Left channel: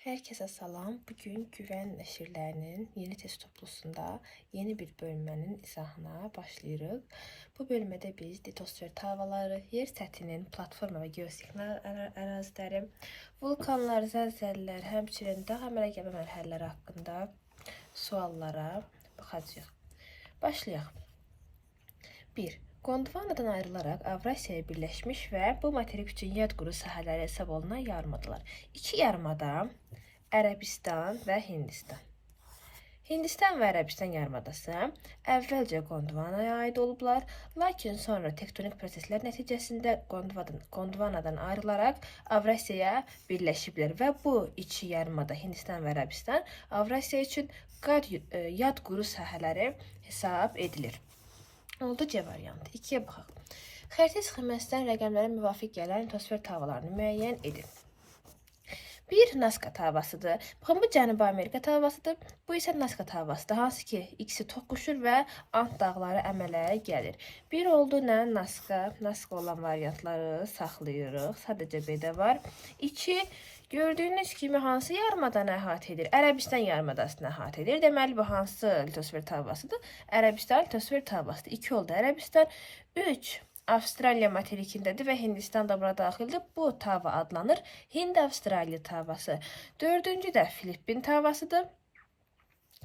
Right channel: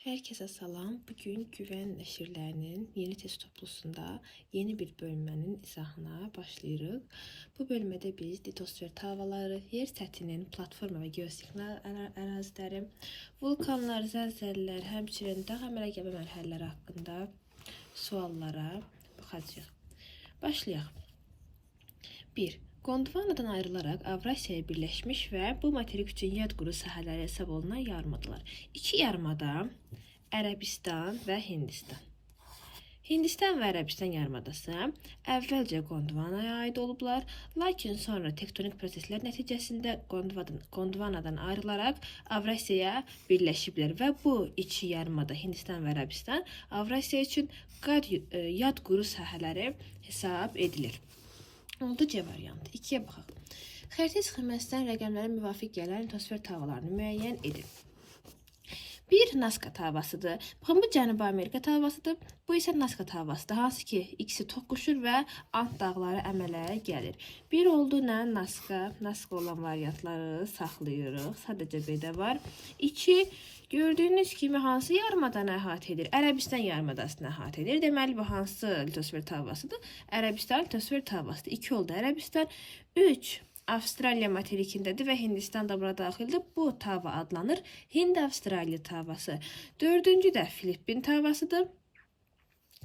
Herkese salam. Bugün Güvən nəşrlərinin yeni test toplusunda yeni bir bölmənin izahına başlayırıq. Bu bölmədə biz litosfer tavaları, yer səthinin platforma və geosignal əraziləri, vulkanlar, zəlzələlər, həmçinin dağ əmələ gəlmə mərhələləri haqqında suallara baxacağıq. Başlayaq. 1. Gondvanadan ayrılaraq Avrasiyaya birləşmiş və bu materik üçün yad quru sahələri hesab olunan yarımadlar. İki yarımada Ərəbistan və Hindistan. Hindistan və Ərəbistan yarımadası əvvəlcə Gondvanaya aid olublar, lakin sonra tektonik proseslər nəticəsində Gondvanadan ayrılaraq Avrasiyaya birləşiblər və bu iki yarımada Hindistan və Ərəbistan Avrasiya üçün yad quru sahələri hesab edilir. Oldu C variantı. 2-yə baxaq. Xəritə sxeməsindən rəqəmlərə müvafiq gələn litosfer tavalarını müəyyən edin. Bir Nazca tavasıdır. Baxın, bu Cənubi Amerika tavasıdır. Bu isə Nazca tavasıdır. Hansı ki, ikisi toqquşur və Ant dağları əmələ gəlir. Bir oldu nə? Nazca olan variantları saxlayırıq. Sadəcə B-də var. 2. Gördüyünüz kimi hansı yarımadanı əhatə edir? Ərəbistan yarımadasını əhatə edir. Deməli, bu hansı litosfer tavasıdır? Ərəbistan litosfer tavasıdır. 2 oldu Ərəbistan. 3. Avstraliya materikindədir və Hindistan da bura daxildir. Bu tava adlanır Hind-Avstraliya tavası. 4-cü də Filippin tavasıdır.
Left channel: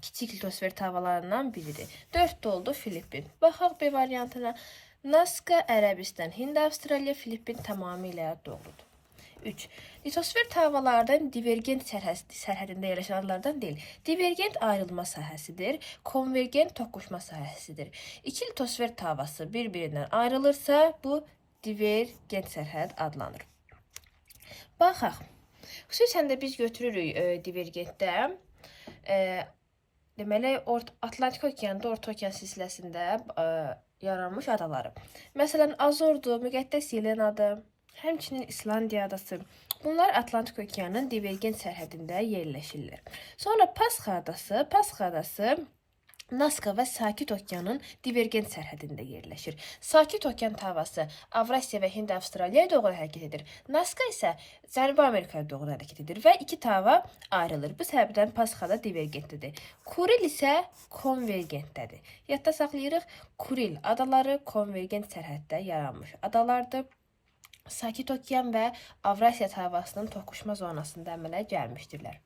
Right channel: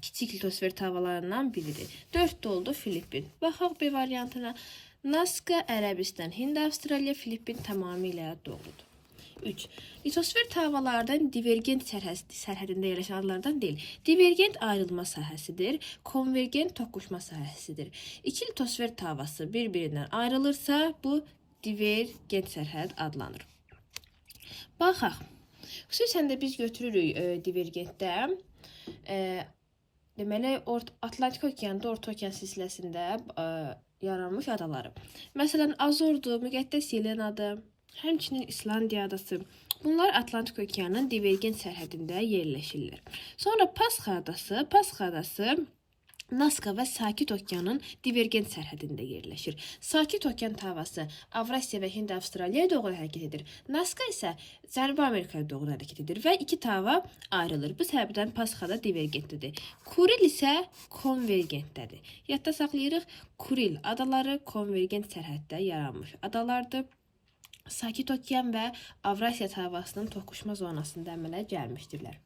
Kiçik litosfer tavalarından biridir. 4 oldu Filippin. Baxaq B variantına. Nazca, Ərəbistan, Hind-Avstraliya, Filippin tamamilə doğrudur. 3. Litosfer tavalardan divergent sərhədində yerləşən adlardan deyil. Divergent ayrılma sahəsidir, konvergent toqquşma sahəsidir. İki litosfer tavası bir-birindən ayrılırsa, bu divergent sərhəd adlanır. Baxaq. Xüsusən də biz götürürük divergentdə. Deməli, Atlantik okeanda, Orta okean silsiləsində yaranmış adaları. Məsələn, Azordur, Müqəddəs Yelenadır. Həmçinin İslandiya adası. Bunlar Atlantik okeanın divergent sərhədində yerləşirlər. Sonra Pasxa adası Nazca və Sakit okeanın divergent sərhədində yerləşir. Sakit okean tavası Avrasiya və Hind-Avstraliyaya doğru hərəkət edir. Nazca isə Cənubi Amerikaya doğru hərəkət edir və iki tava ayrılır. Bu səbəbdən Pasxada divergentlidir. Kuril isə konvergentdədir. Yadda saxlayırıq, Kuril adaları konvergent sərhəddə yaranmış adalardır. Sakit okean və Avrasiya tavasının toqquşma zonasında əmələ gəlmişdirlər.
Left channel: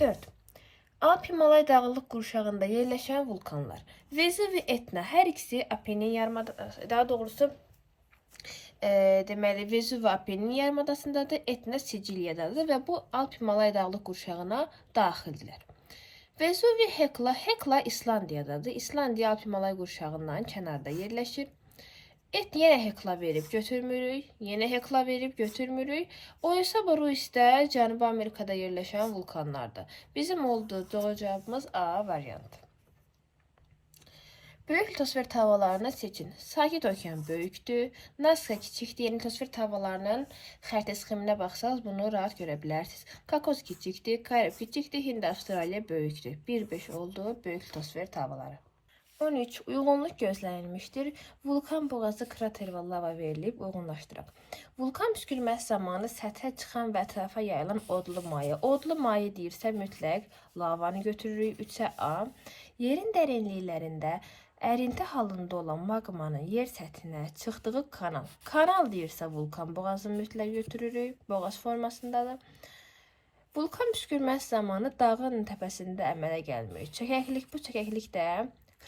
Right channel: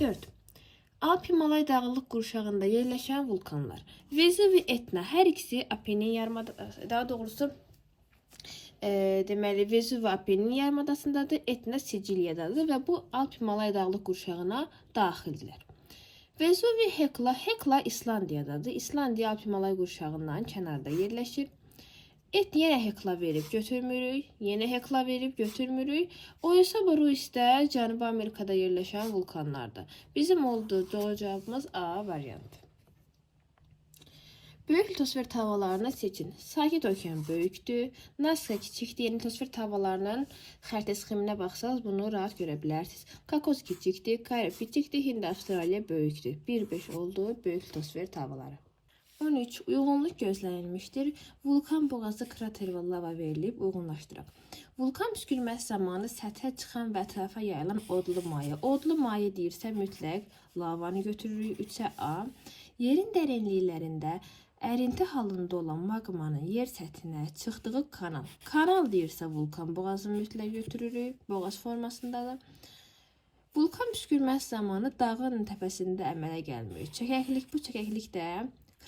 4. Alp-Himalay dağlıq qurşağında yerləşən vulkanlar. Vezuv və Etna hər ikisi Apennin yarımadasındadır. Daha doğrusu deməli Vezuv və Apennin yarımadasındadır, Etna Siciliyadadır və bu Alp-Himalay dağlıq qurşağına daxildirlər. Vezuv və Hekla İslandiyadadır. İslandiya Alp-Himalay qurşağından kənarda yerləşir. Yenə Hekla verib götürmürük, yenə Hekla verib götürmürük. Oysaba Ruisdə Cənubi Amerikada yerləşən vulkanlardır. Bizim olduğu doğru cavabımız A variantı. Böyük litosfer tavalarını seçin. Sakit okean böyükdür, Nazca kiçikdir. Yeni litosfer tavalarının xəritə sxeminə baxsanız bunu rahat görə bilərsiniz. Kakos kiçikdir, Karib kiçikdir, Hind-Avstraliya böyükdür. 1-5 oldu böyük litosfer tavaları. 13. Uyğunluq gözlənilmişdir. Vulkan boğazı krater və lava verilib uyğunlaşdıraq. Vulkan püskürməsi zamanı səthə çıxan və ətrafa yayılan odlu maye. Odlu maye deyirsə mütləq lavanı götürürük. 3-ə A. Yerin dərinliklərində ərinti halında olan maqmanın yer səthinə çıxdığı kanal. Kanal deyirsə vulkan boğazını mütləq götürürük. Boğaz formasındadır. Vulkan püskürməsi zamanı dağın təpəsində əmələ gəlmir. Çəkəklik, bu çəkəklik də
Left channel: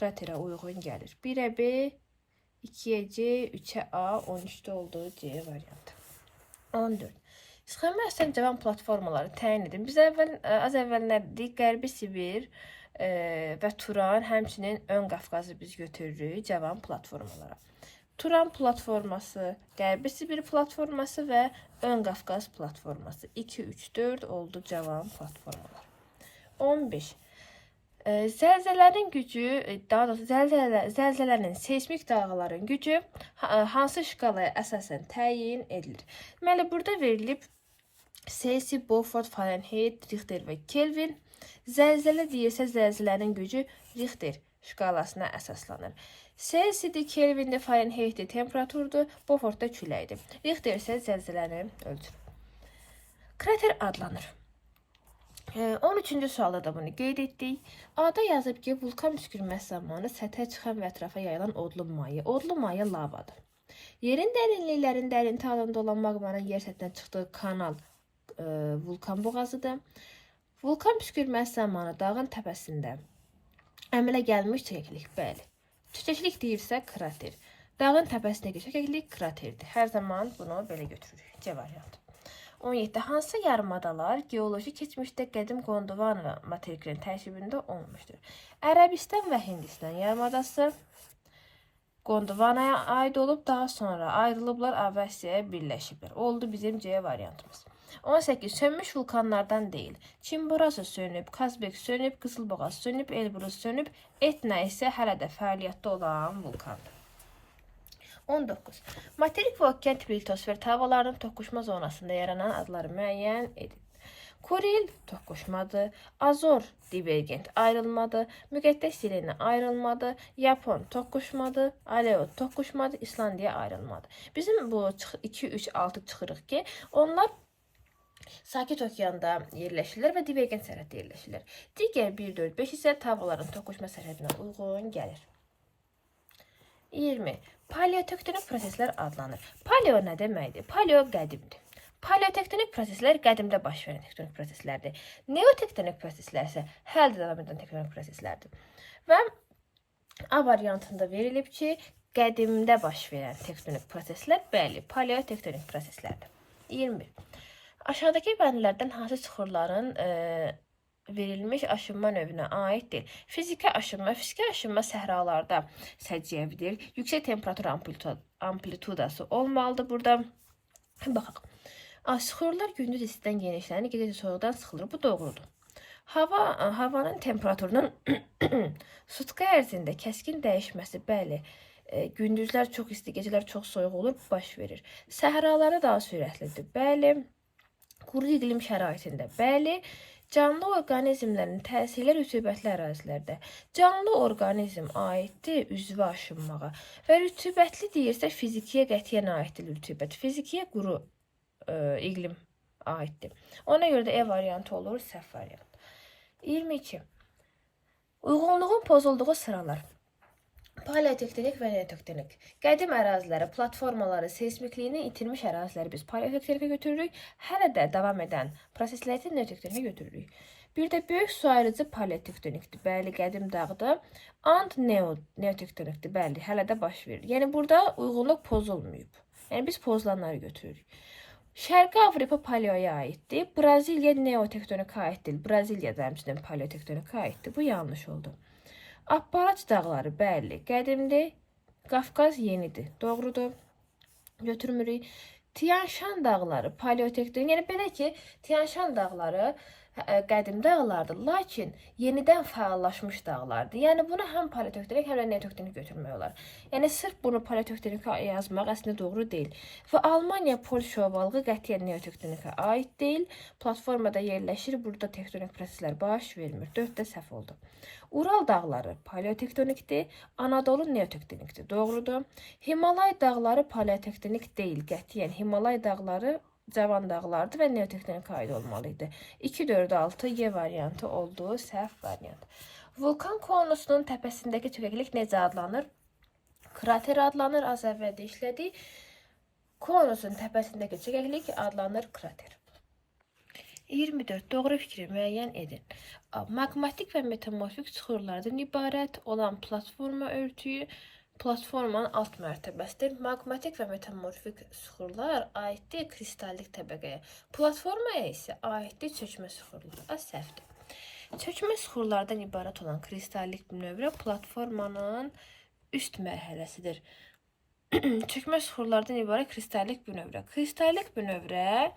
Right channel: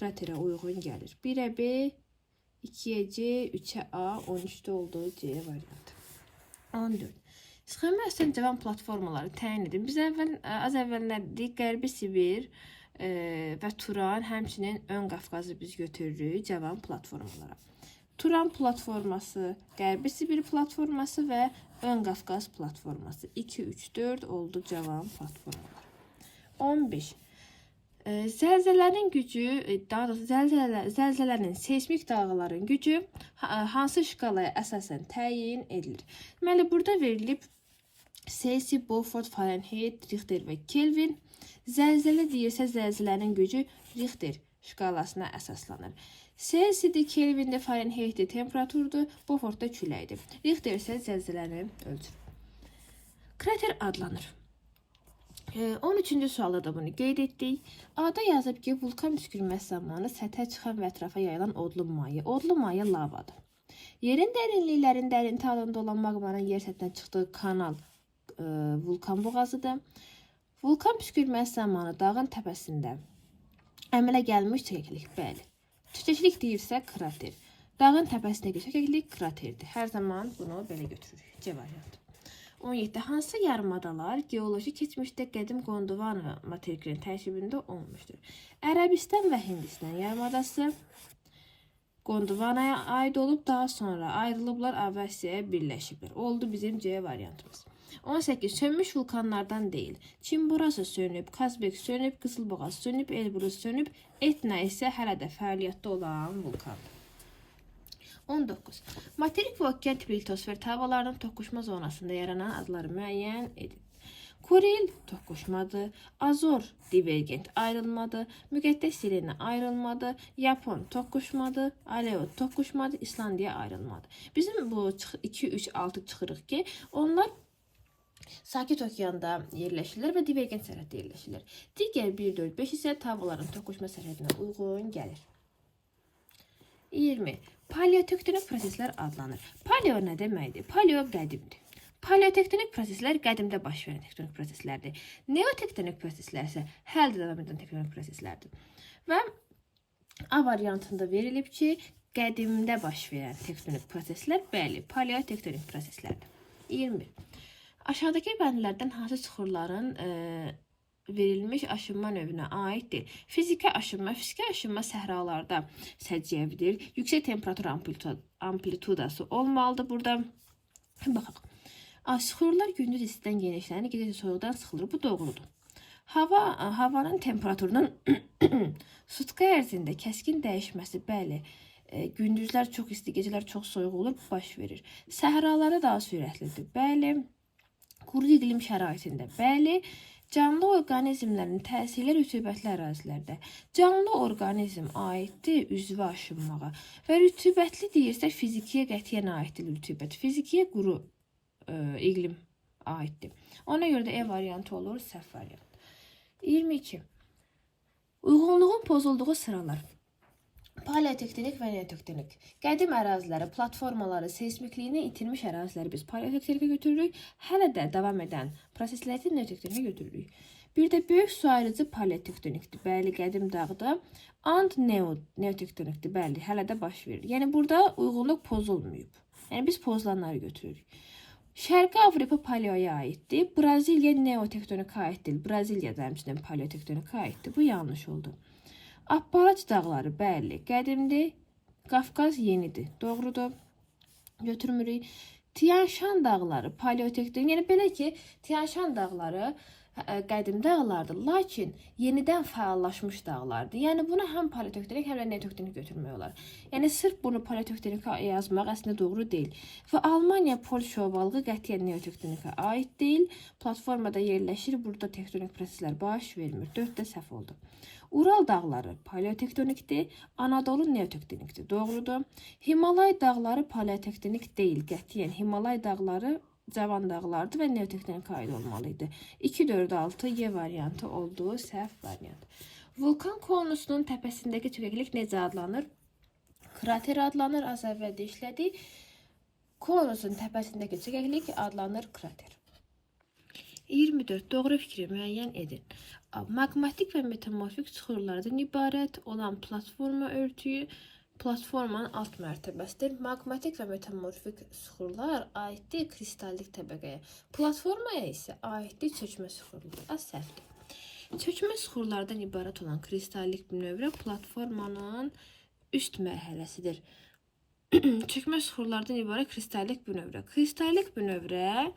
kraterə uyğun gəlir. 1-ə B, 2-yə C, 3-ə A, 13-də olduğu C variantı. 14. Sxemə əsasən cavan platformaları təyin edin. Biz az əvvəl nə dedik? Qərbi Sibir və Turan, həmçinin Ön Qafqazı biz götürürük cavan platformalara. Turan platforması, Qərbi Sibir platforması və Ön Qafqaz platforması. 2, 3, 4 oldu cavan platformalar. 15. Zəlzələnin gücü, daha doğrusu zəlzələnin seismik dalğaların gücü hansı şkalaya əsasən təyin edilir? Deməli, burada verilib Celsius, Beaufort, Fahrenheit, Richter və Kelvin. Zəlzələ deyirsə zəlzələnin gücü Richter şkalasına əsaslanır. Celsius'dir, Kelvin'dir, Fahrenheit'dir, temperaturdur, Beaufort'da küləkdir. Richter isə zəlzələni ölçür. Krater adlanır. 13-cü sualda da bunu qeyd etdik. A-da yazıb ki, vulkan püskürməsi zamanı səthə çıxan və ətrafa yayılan odlu maye. Odlu maye lavadır. Yerin dərinliklərində ərinti halında olan maqmanın yer səthinə çıxdığı kanal vulkan boğazıdır. Vulkan püskürməsi zamanı dağın təpəsində əmələ gəlmiş çəkiklik, bəli. Çəkiklik deyirsə krater. Dağın təpəsindəki çəkiklik kraterdir. Hər zaman bunu belə götürürük. C variantı. 17. Hansı yarımadalar geoloji keçmişdə qədim Gondwana materikinin tərkibində olmuşdur? Ərəbistan və Hindistan yarımadası Gondwanaya aid olub, daha sonra ayrılıblar, Avrasiyaya birləşiblər. Oldu bizim C variantımız. 18. Sönmüş vulkanlardan deyil. Çimborası sönüb, Kazbek sönüb, Qızılboğaz sönüb, Elbrus sönüb, Etna isə hələ də fəaliyyətdə olan vulkandır. 19. Materik və okean tipli litosfer havalarının toqquşma zonasında yaranan adları müəyyən edin. Kuril toqquşmadır, Azor divergent ayrılmadır, Müqəddəs Selena ayrılmadır, Yapon toqquşmadır, Aleut toqquşmadır, İslandiya ayrılmadır. Bizim bu 2, 3, 6 çıxırıq ki, onlar Sakit okeanda yerləşirlər və divergent sərhəddə yerləşirlər. Digər 1, 4, 5 isə havaların toqquşma sərhədinə uyğun gəlir. 20. Paleotektonik proseslər adlanır. Paleo nə deməkdir? Paleo qədimdir. Paleotektonik proseslər qədimdə baş verən tektonik proseslərdir. Neotektonik proseslər isə hələ də davam edən tektonik proseslərdir. Və A variantında verilib ki, qədimdə baş verən tektonik proseslər, bəli, paleotektonik proseslərdir. 21. Aşağıdakı bəndlərdən hansı süxurların verilmiş aşınma növünə aiddir? Fiziki aşınma səhralarda səciyyəvidir. Yüksək temperatur amplitudası olmalıdır burada. Baxaq. Süxurlar gündüz istidən genişlənir, gecə soyuqdan sıxılır. Bu doğrudur. Havanın temperaturunun sutka ərzində kəskin dəyişməsi, bəli, gündüzlər çox isti, gecələr çox soyuq olur, baş verir. Səhraları daha sürətlidir, bəli. Quru iqlim şəraitində, bəli. Canlı orqanizmlərin təsirli rütubətli ərazilərdə. Canlı orqanizm aiddir üzvə aşınmağa və rütubətli deyirsə fizikiyə qətiyyən aiddir rütubət. Fizikiyə quru iqlim aiddir. Ona görə də E variantı olur, səhv variant. 22. Uyğunluğun pozulduğu sıralar. Paleotektonik və neotektonik. Qədim əraziləri, platformaları, seismikliyini itirmiş əraziləri biz paleotektonikə götürürük. Hələ də davam edən prosesləri neotektonikə götürürük. Bir də böyük su ayırıcı paleotektonikdir. Bəli, qədim dağdır. And neotektonikdir. Bəli, hələ də baş verir. Yəni burada uyğunluq pozulmayıb. Yəni biz pozulanları götürürük. Şərqi Avropa paleoya aiddir. Braziliya neotektonika aiddir. Braziliya da həmçinin paleotektonika aiddir. Bu yanlış oldu. Appalaç dağları, bəli, qədimdir. Qafqaz yenidir. Doğrudur. Götürmürük. Tian Şan dağları paleotektonik. Yəni belə ki, Tian Şan dağları qədim dağlardır, lakin yenidən fəallaşmış dağlardır. Yəni bunu həm paleotektonik, həm də neotektonik götürmək olar. Yəni sırf bunu paleotektonika yazmaq əslində doğru deyil. Və Almaniya Polşa ovalığı qətiyyən neotektonika aid deyil. Platformada yerləşir, burada tektonik proseslər baş vermir. 4-də səhv oldu. Ural dağları paleotektonikdir, Anadolu neotektonikdir. Doğrudur. Himalay dağları paleotektonik deyil, qətiyyən Himalay dağları cavan dağlardır və neotektonika aid olmalıydı. 2, 4, 6 Y variantı oldu, səhv variant. Vulkan konusunun təpəsindəki çökəklik necə adlanır? Krater adlanır, az əvvəldə işlədik. Konusun təpəsindəki çökəklik adlanır krater. 24. Doğru fikri müəyyən edin. Maqmatik və metamorfik süxurlardan ibarət olan platforma örtüyü platformanın alt mərtəbəsidir. Maqmatik və metamorfik süxurlar aiddir kristallik təbəqəyə. Platformaya isə aiddir çökmə süxurlara. Səhvdir. Çökmə süxurlardan ibarət olan kristallik bünövrə platformanın üst mərhələsidir. Çökmə süxurlardan ibarət kristallik bünövrə. Kristallik bünövrə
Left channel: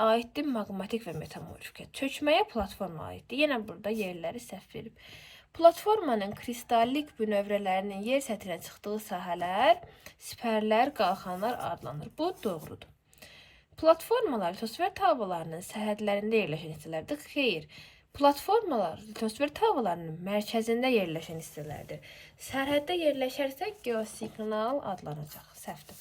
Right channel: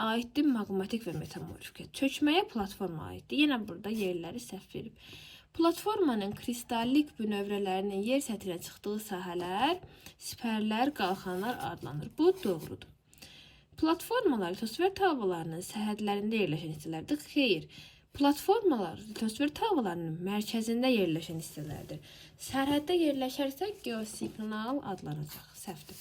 aiddir maqmatik və metamorfikə. Çökməyə platforma aiddir. Yenə burada yerləri səhv verib. Platformanın kristallik bünövrələrinin yer səthinə çıxdığı sahələr, sipərlər, qalxanlar adlanır. Bu doğrudur. Platformalar litosfer havalarının sərhədlərində yerləşən hissələrdir. Xeyr. Platformalar litosfer havalarının mərkəzində yerləşən hissələrdir. Sərhəddə yerləşərsə geosignal adlanacaq. Səhvdir.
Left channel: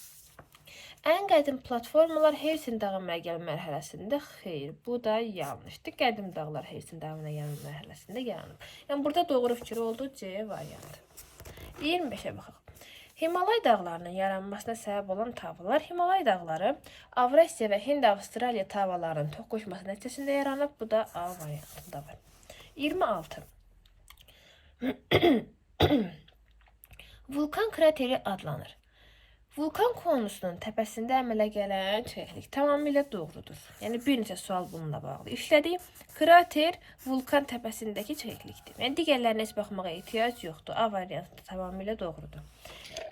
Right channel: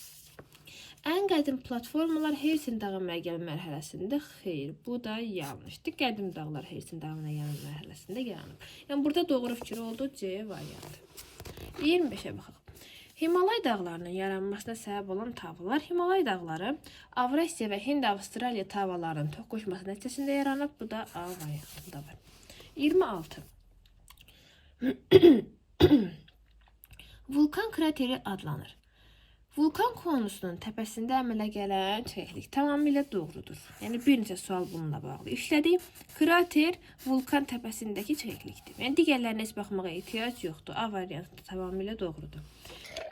Ən qədim platformalar Hersin dağı əmələ gəlmə mərhələsində xeyr, bu da yanlışdır. Qədim dağlar Hersin dağı əmələ gəlmə mərhələsində yaranıb. Yəni burada doğru fikir oldu C variantı. 25-ə baxaq. Himalay dağlarının yaranmasına səbəb olan tavalar Himalay dağları Avrasiya və Hind-Avstraliya tavalarının toqquşması nəticəsində yaranıb. Bu da A variantında var. 26. Vulkan krateri adlanır. Vulkan konusunun təpəsində əmələ gələn çökəklik tamamilə doğrudur. Yəni bir neçə sual bununla bağlı işlədik. Krater vulkan təpəsindəki çökəklikdir. Yəni digərlərinə heç baxmağa ehtiyac yoxdur. A variantı tamamilə doğrudur.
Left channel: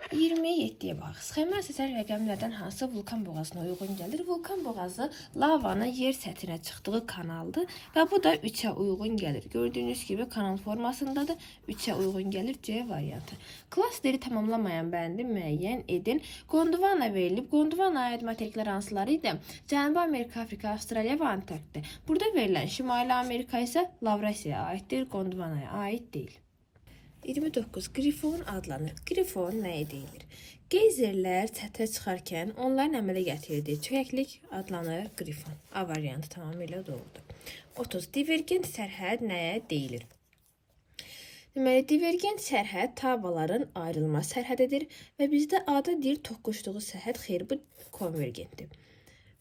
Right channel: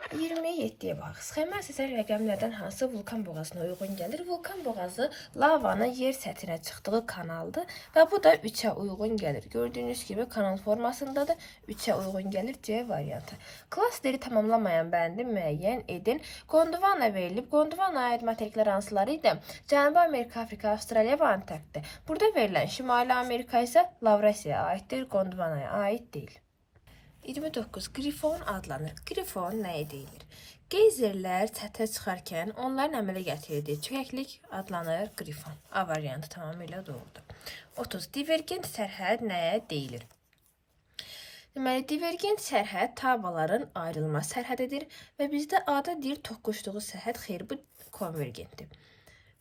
27-yə baxaq. Sxema əsasən rəqəmlərdən hansı vulkan boğazına uyğun gəlir? Vulkan boğazı lavanın yer səthinə çıxdığı kanaldır və bu da 3-ə uyğun gəlir. Gördüyünüz kimi kanal formasındadır. 3-ə uyğun gəlir C variantı. Klasteri tamamlamayan bəndi müəyyən edin. Gondwana verilib. Gondwanaya aid materiklər hansıları idi? Cənubi Amerika, Afrika, Avstraliya və Antarktida. Burada verilən Şimali Amerika isə Lavrasiyaya aiddir, Gondwanaya aid deyil. 29. Qrifon adlanır. Qrifon nəyə deyilir? Geyzerlər səthə çıxarkən onların əmələ gətirdiyi çökəklik adlanır qrifon. A variantı tamamilə doğrudur. 30. Divergent sərhəd nəyə deyilir? Deməli, divergent sərhəd tavalarının ayrılma sərhədidir və bizdə A-da deyir toqquşduğu sərhəd, xeyr, bu konvergentdir.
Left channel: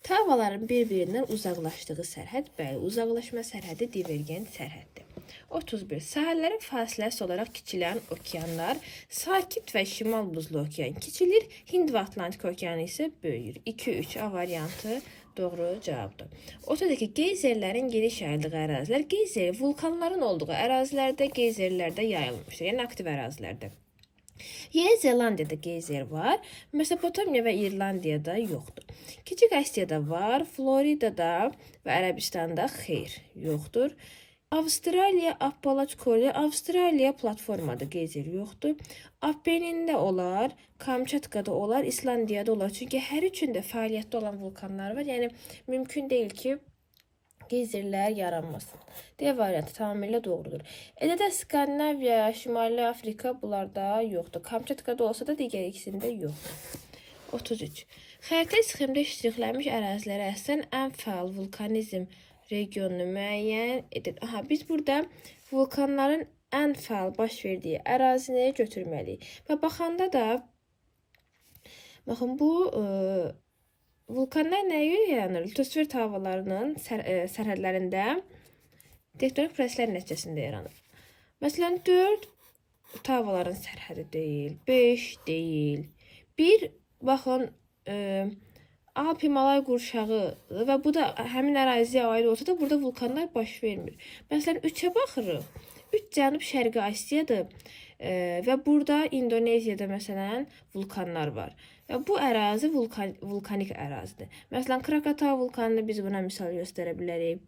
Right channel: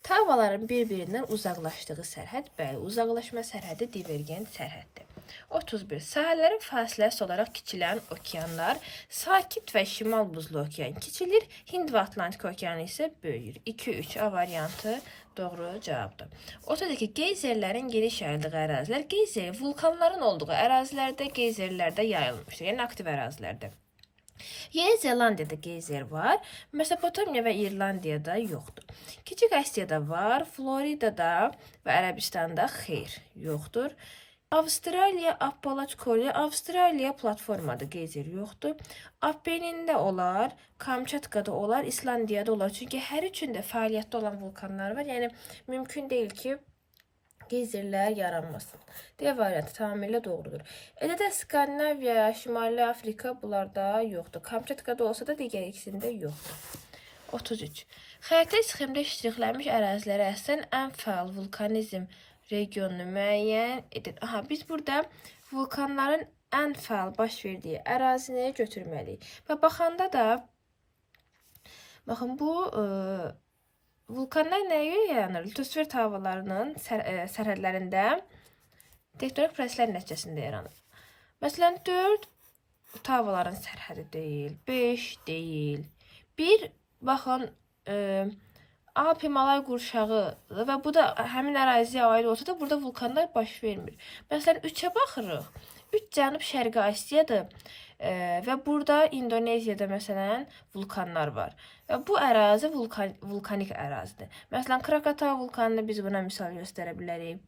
Tavalarının bir-birindən uzaqlaşdığı sərhəd, bəli, uzaqlaşma sərhədi divergent sərhəddir. 31. Sahələrin fasiləsi olaraq kiçilən okeanlar, Sakit və Şimal Buzlu okean kiçilir, Hind və Atlantik okeanı isə böyüyür. 2-3 A variantı doğru cavabdır. 32. Geyzerlərin geniş yayıldığı ərazilər, geyzer vulkanların olduğu ərazilərdə, geyzerlərdə yayılmışdır, yəni aktiv ərazilərdə. Yeni Zelandiyada geyzer var, Mesopotamiya və İrlandiyada yoxdur. Kiçik Asiyada var, Floridada və Ərəbistanda xeyr, yoxdur. Avstraliya, Appalaç Kolye, Avstraliya platformada geyzer yoxdur. Apenində olar, Kamçatkada olar, İslandiyada olar. Çünki hər üçündə fəaliyyətdə olan vulkanlar var. Yəni, mümkün deyil ki, geyzerlər yaranmasın. D variantı tamamilə doğrudur. Elədə Skandinaviya, Şimali Afrika bunlarda yoxdur. Kamçatkada olsa da digər ikisində yoxdur. 33. Xəritə sxemdə ştrixlənmiş ərazilərə əsən ən fəal vulkanizm regionunu müəyyən edin. Aha, biz burada vulkanların ən fəal baş verdiyi ərazini götürməliyik. Və baxanda da, baxın, bu vulkanlar nəyə görə yaranır? Litosfer tavalarının sərhədlərində tektonik proseslər nəticəsində yaranır. Məsələn, 4 tavalarının sərhədi deyil, 5 deyil. 1, baxın, Alp Himalay qurşağıdır və bu da həmin əraziyə aid olsa da burada vulkanlar baş vermir. Məsələn, 3-ə baxırıq. 3 Cənub-Şərqi Asiyadır və burada İndoneziyada məsələn vulkanlar var. Və bu ərazi vulkanik ərazidir. Məsələn, Krakatau vulkanını biz buna misal göstərə bilərik.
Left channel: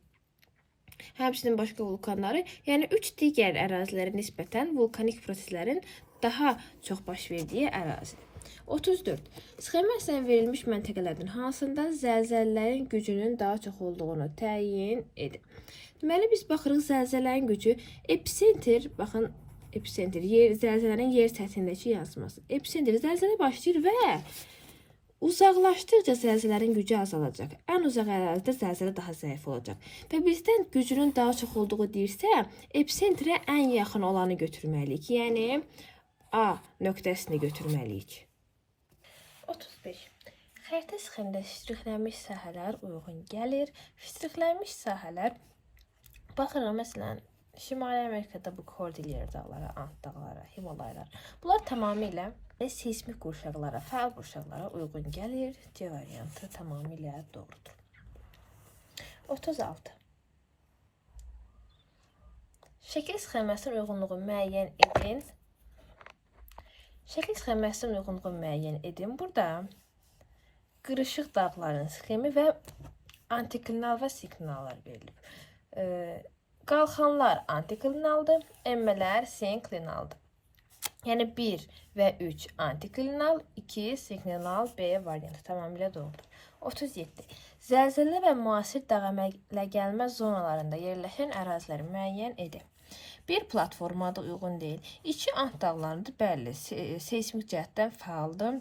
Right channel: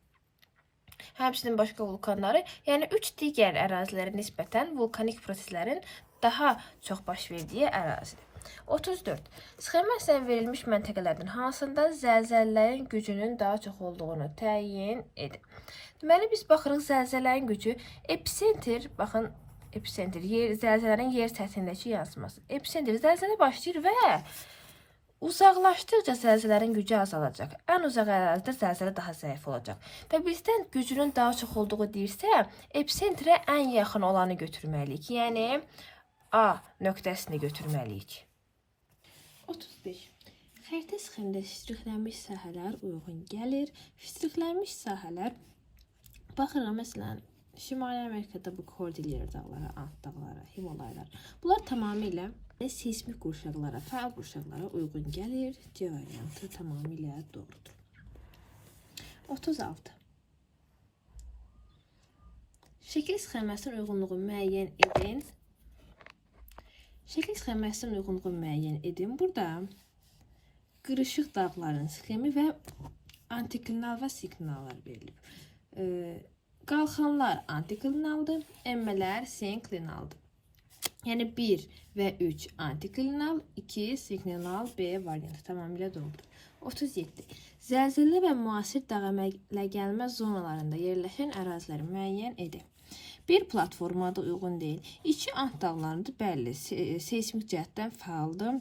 Həmçinin başqa vulkanları, yəni 3 digər ərazilərə nisbətən vulkanik proseslərin daha çox baş verdiyi ərazidir. 34. Sxema əsasən verilmiş məntəqələrdən hansında zəlzələlərin gücünün daha çox olduğunu təyin edin. Deməli, biz baxırıq zəlzələrin gücü epicentr, baxın, epicentr, zəlzələrin yer səthindəki yansıması. Epicentr, zəlzələ başlayır və uzaqlaşdıqca zəlzələrin gücü azalacaq. Ən uzaq ərazidə zəlzələ daha zəif olacaq. Və bizdən gücünün daha çox olduğu deyirsə, epicentrə ən yaxın olanı götürməliyik. Yəni, A nöqtəsini götürməliyik. 35. Xəritə sxemdə ştrixlənmiş sahələr uyğun gəlir. Ştrixlənmiş sahələr, baxırıq, məsələn, Şimali Amerikada bu Kordilyer dağları, Ant dağları, Himalaylar. Bunlar tamamilə seismik qurşaqlara, fəal qurşaqlara uyğun gəlir. C variantı tamamilə doğrudur. 36. Şəkil sxemasının uyğunluğu müəyyən edin. Şəkil sxemasının uyğunluğu müəyyən edin. Burada qırışıq dağların sxemi və antiklinal və sinklinallar verilib. Qalxanlar antiklinaldır, enmələr sinklinaldır. Yəni 1 və 3 antiklinal, 2 sinklinal, B variantı tamamilə doğrudur. 37. Zəlzələ və müasir dağ əmələ gəlmə zonalarında yerləşən əraziləri müəyyən edin. Bir platformada uyğun deyil. 2 Ant dağlarıdır, bəli, seismik cəhətdən fəaldır.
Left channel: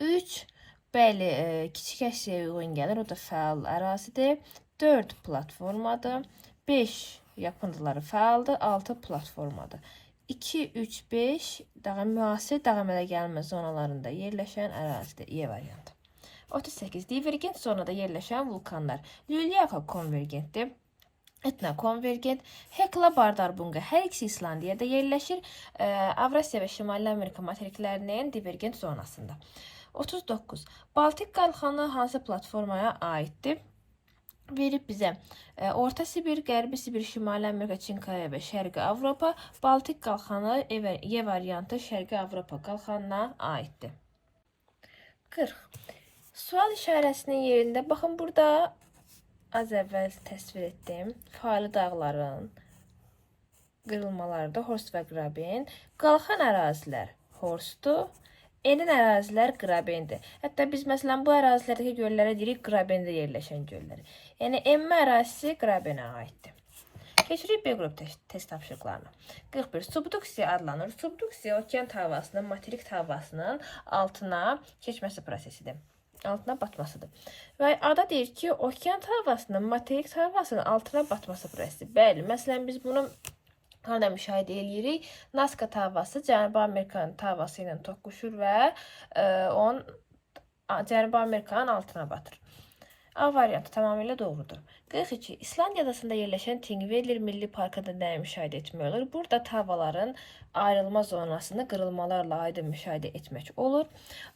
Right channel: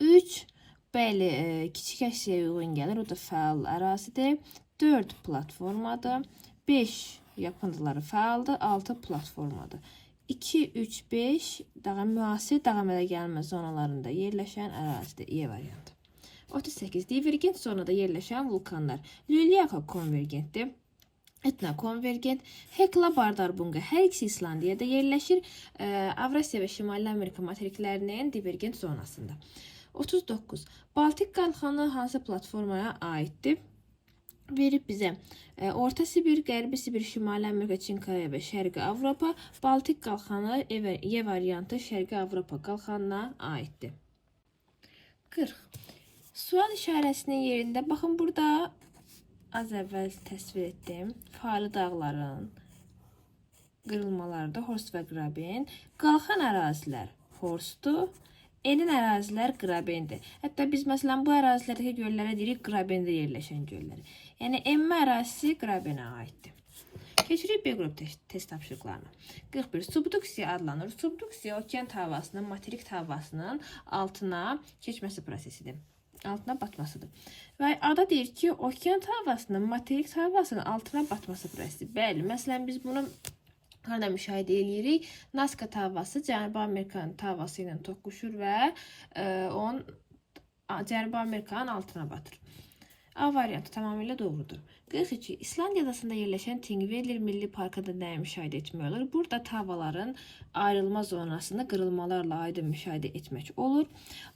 3 Bəli, kiçik əksəyə uyğun gəlir. O da fəal ərazidir. 4 platformadır. 5 yapı adaları fəaldır. 6 platformadır. 2, 3, 5 daha müasir davam edə gəlmə zonalarında yerləşən ərazidir. E variantı. 38. Divergent zonada yerləşən vulkanlar. Lülyaka konvergentdir. Etna konvergent, Hekla Bardarbunga hər ikisi İslandiyada yerləşir. Avrasiya və Şimali Amerika materiklərinin divergent zonasında. 39. Baltik qalxanı hansı platformaya aiddir? Verib bizə Orta Sibir, Qərbi Sibir, Şimali Amerika, Çinkaya və Şərqi Avropa. Baltik qalxanı E variantı Şərqi Avropa qalxanına aiddir. 40. Sual işarəsinin yerində baxın, burada az əvvəl təsvir etdim. Fali dağların qırılmaları da Horst və Graben. Qalxan ərazilər Horstdur. Enin ərazilər Grabendir. Hətta biz məsələn bu ərazilərdəki göllərə deyirik Grabende yerləşən gölləri. Yəni enmə ərazisi Grabenə aiddir. Keçirik B qrup test tapşırıqlarına. 41. Subduksiya adlanır. Subduksiya okean havasının materik havasının altına keçməsi prosesidir. Altına batmasıdır. Və ada deyir ki, okean havasının materik havasının altına batması prosesi. Bəli, məsələn biz bunu harada müşahidə edirik? Nazca havası Cənubi Amerikanın havası ilə toqquşur və onun Cənubi Amerikanın altına batır. A variantı tamamilə doğrudur. 42. İslandiya adasında yerləşən Thingvellir Milli Parkında nəyi müşahidə etmək olur? Burada havaların ayrılma zonasını qırılmalarla aydın müşahidə etmək olur.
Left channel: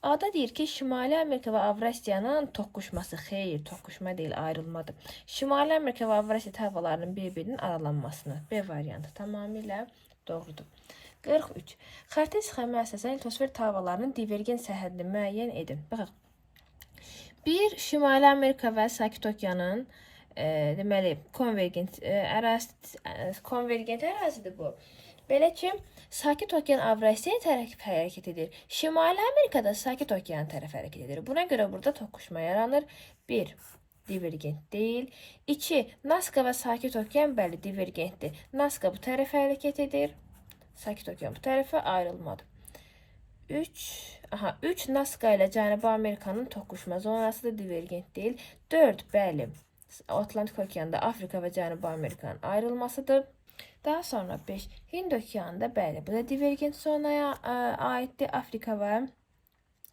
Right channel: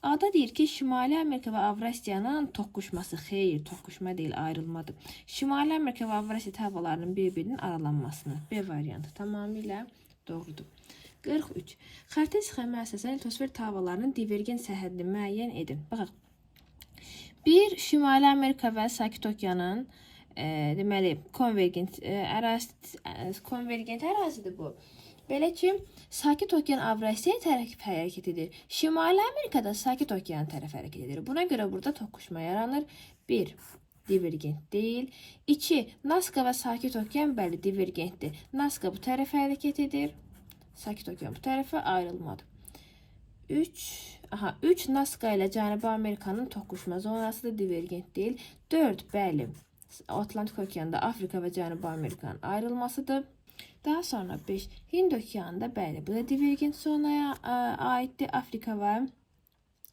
A'da deyir ki, Şimali Amerika və Avrasiyanın toqquşması, xeyr, toqquşma deyil, ayrılmadır. Şimali Amerika və Avrasiya havalarının bir-birinin aralanmasını. B variantı tamamilə doğrudur. 43. Xəritə sxemi əsasən litosfer havalarının divergent sərhədini müəyyən edin. Baxaq. Bir, Şimali Amerika və Sakit Okeanın deməli konvergent ərazidir bu. Belə ki, Sakit Okean Avrasiyaya tərəf hərəkət edir. Şimali Amerikada Sakit Okean tərəf hərəkət edir. Buna görə burada toqquşma yaranır. 1. Divergent deyil. 2. Nazca və Sakit Okean bəli divergentdir. Nazca bu tərəfə hərəkət edir. Sakit Okean bu tərəfə ayrılmadı. 3 Nazca ilə Cənubi Amerikanın toqquşma zonası da divergent deyil. 4 bəli Atlantik Okeanda Afrika və Cənubi Amerikanın ayrılmasıdır. Daha sonra 5 Hind Okeanında bəli bu da divergent zonaya aiddir. Afrika və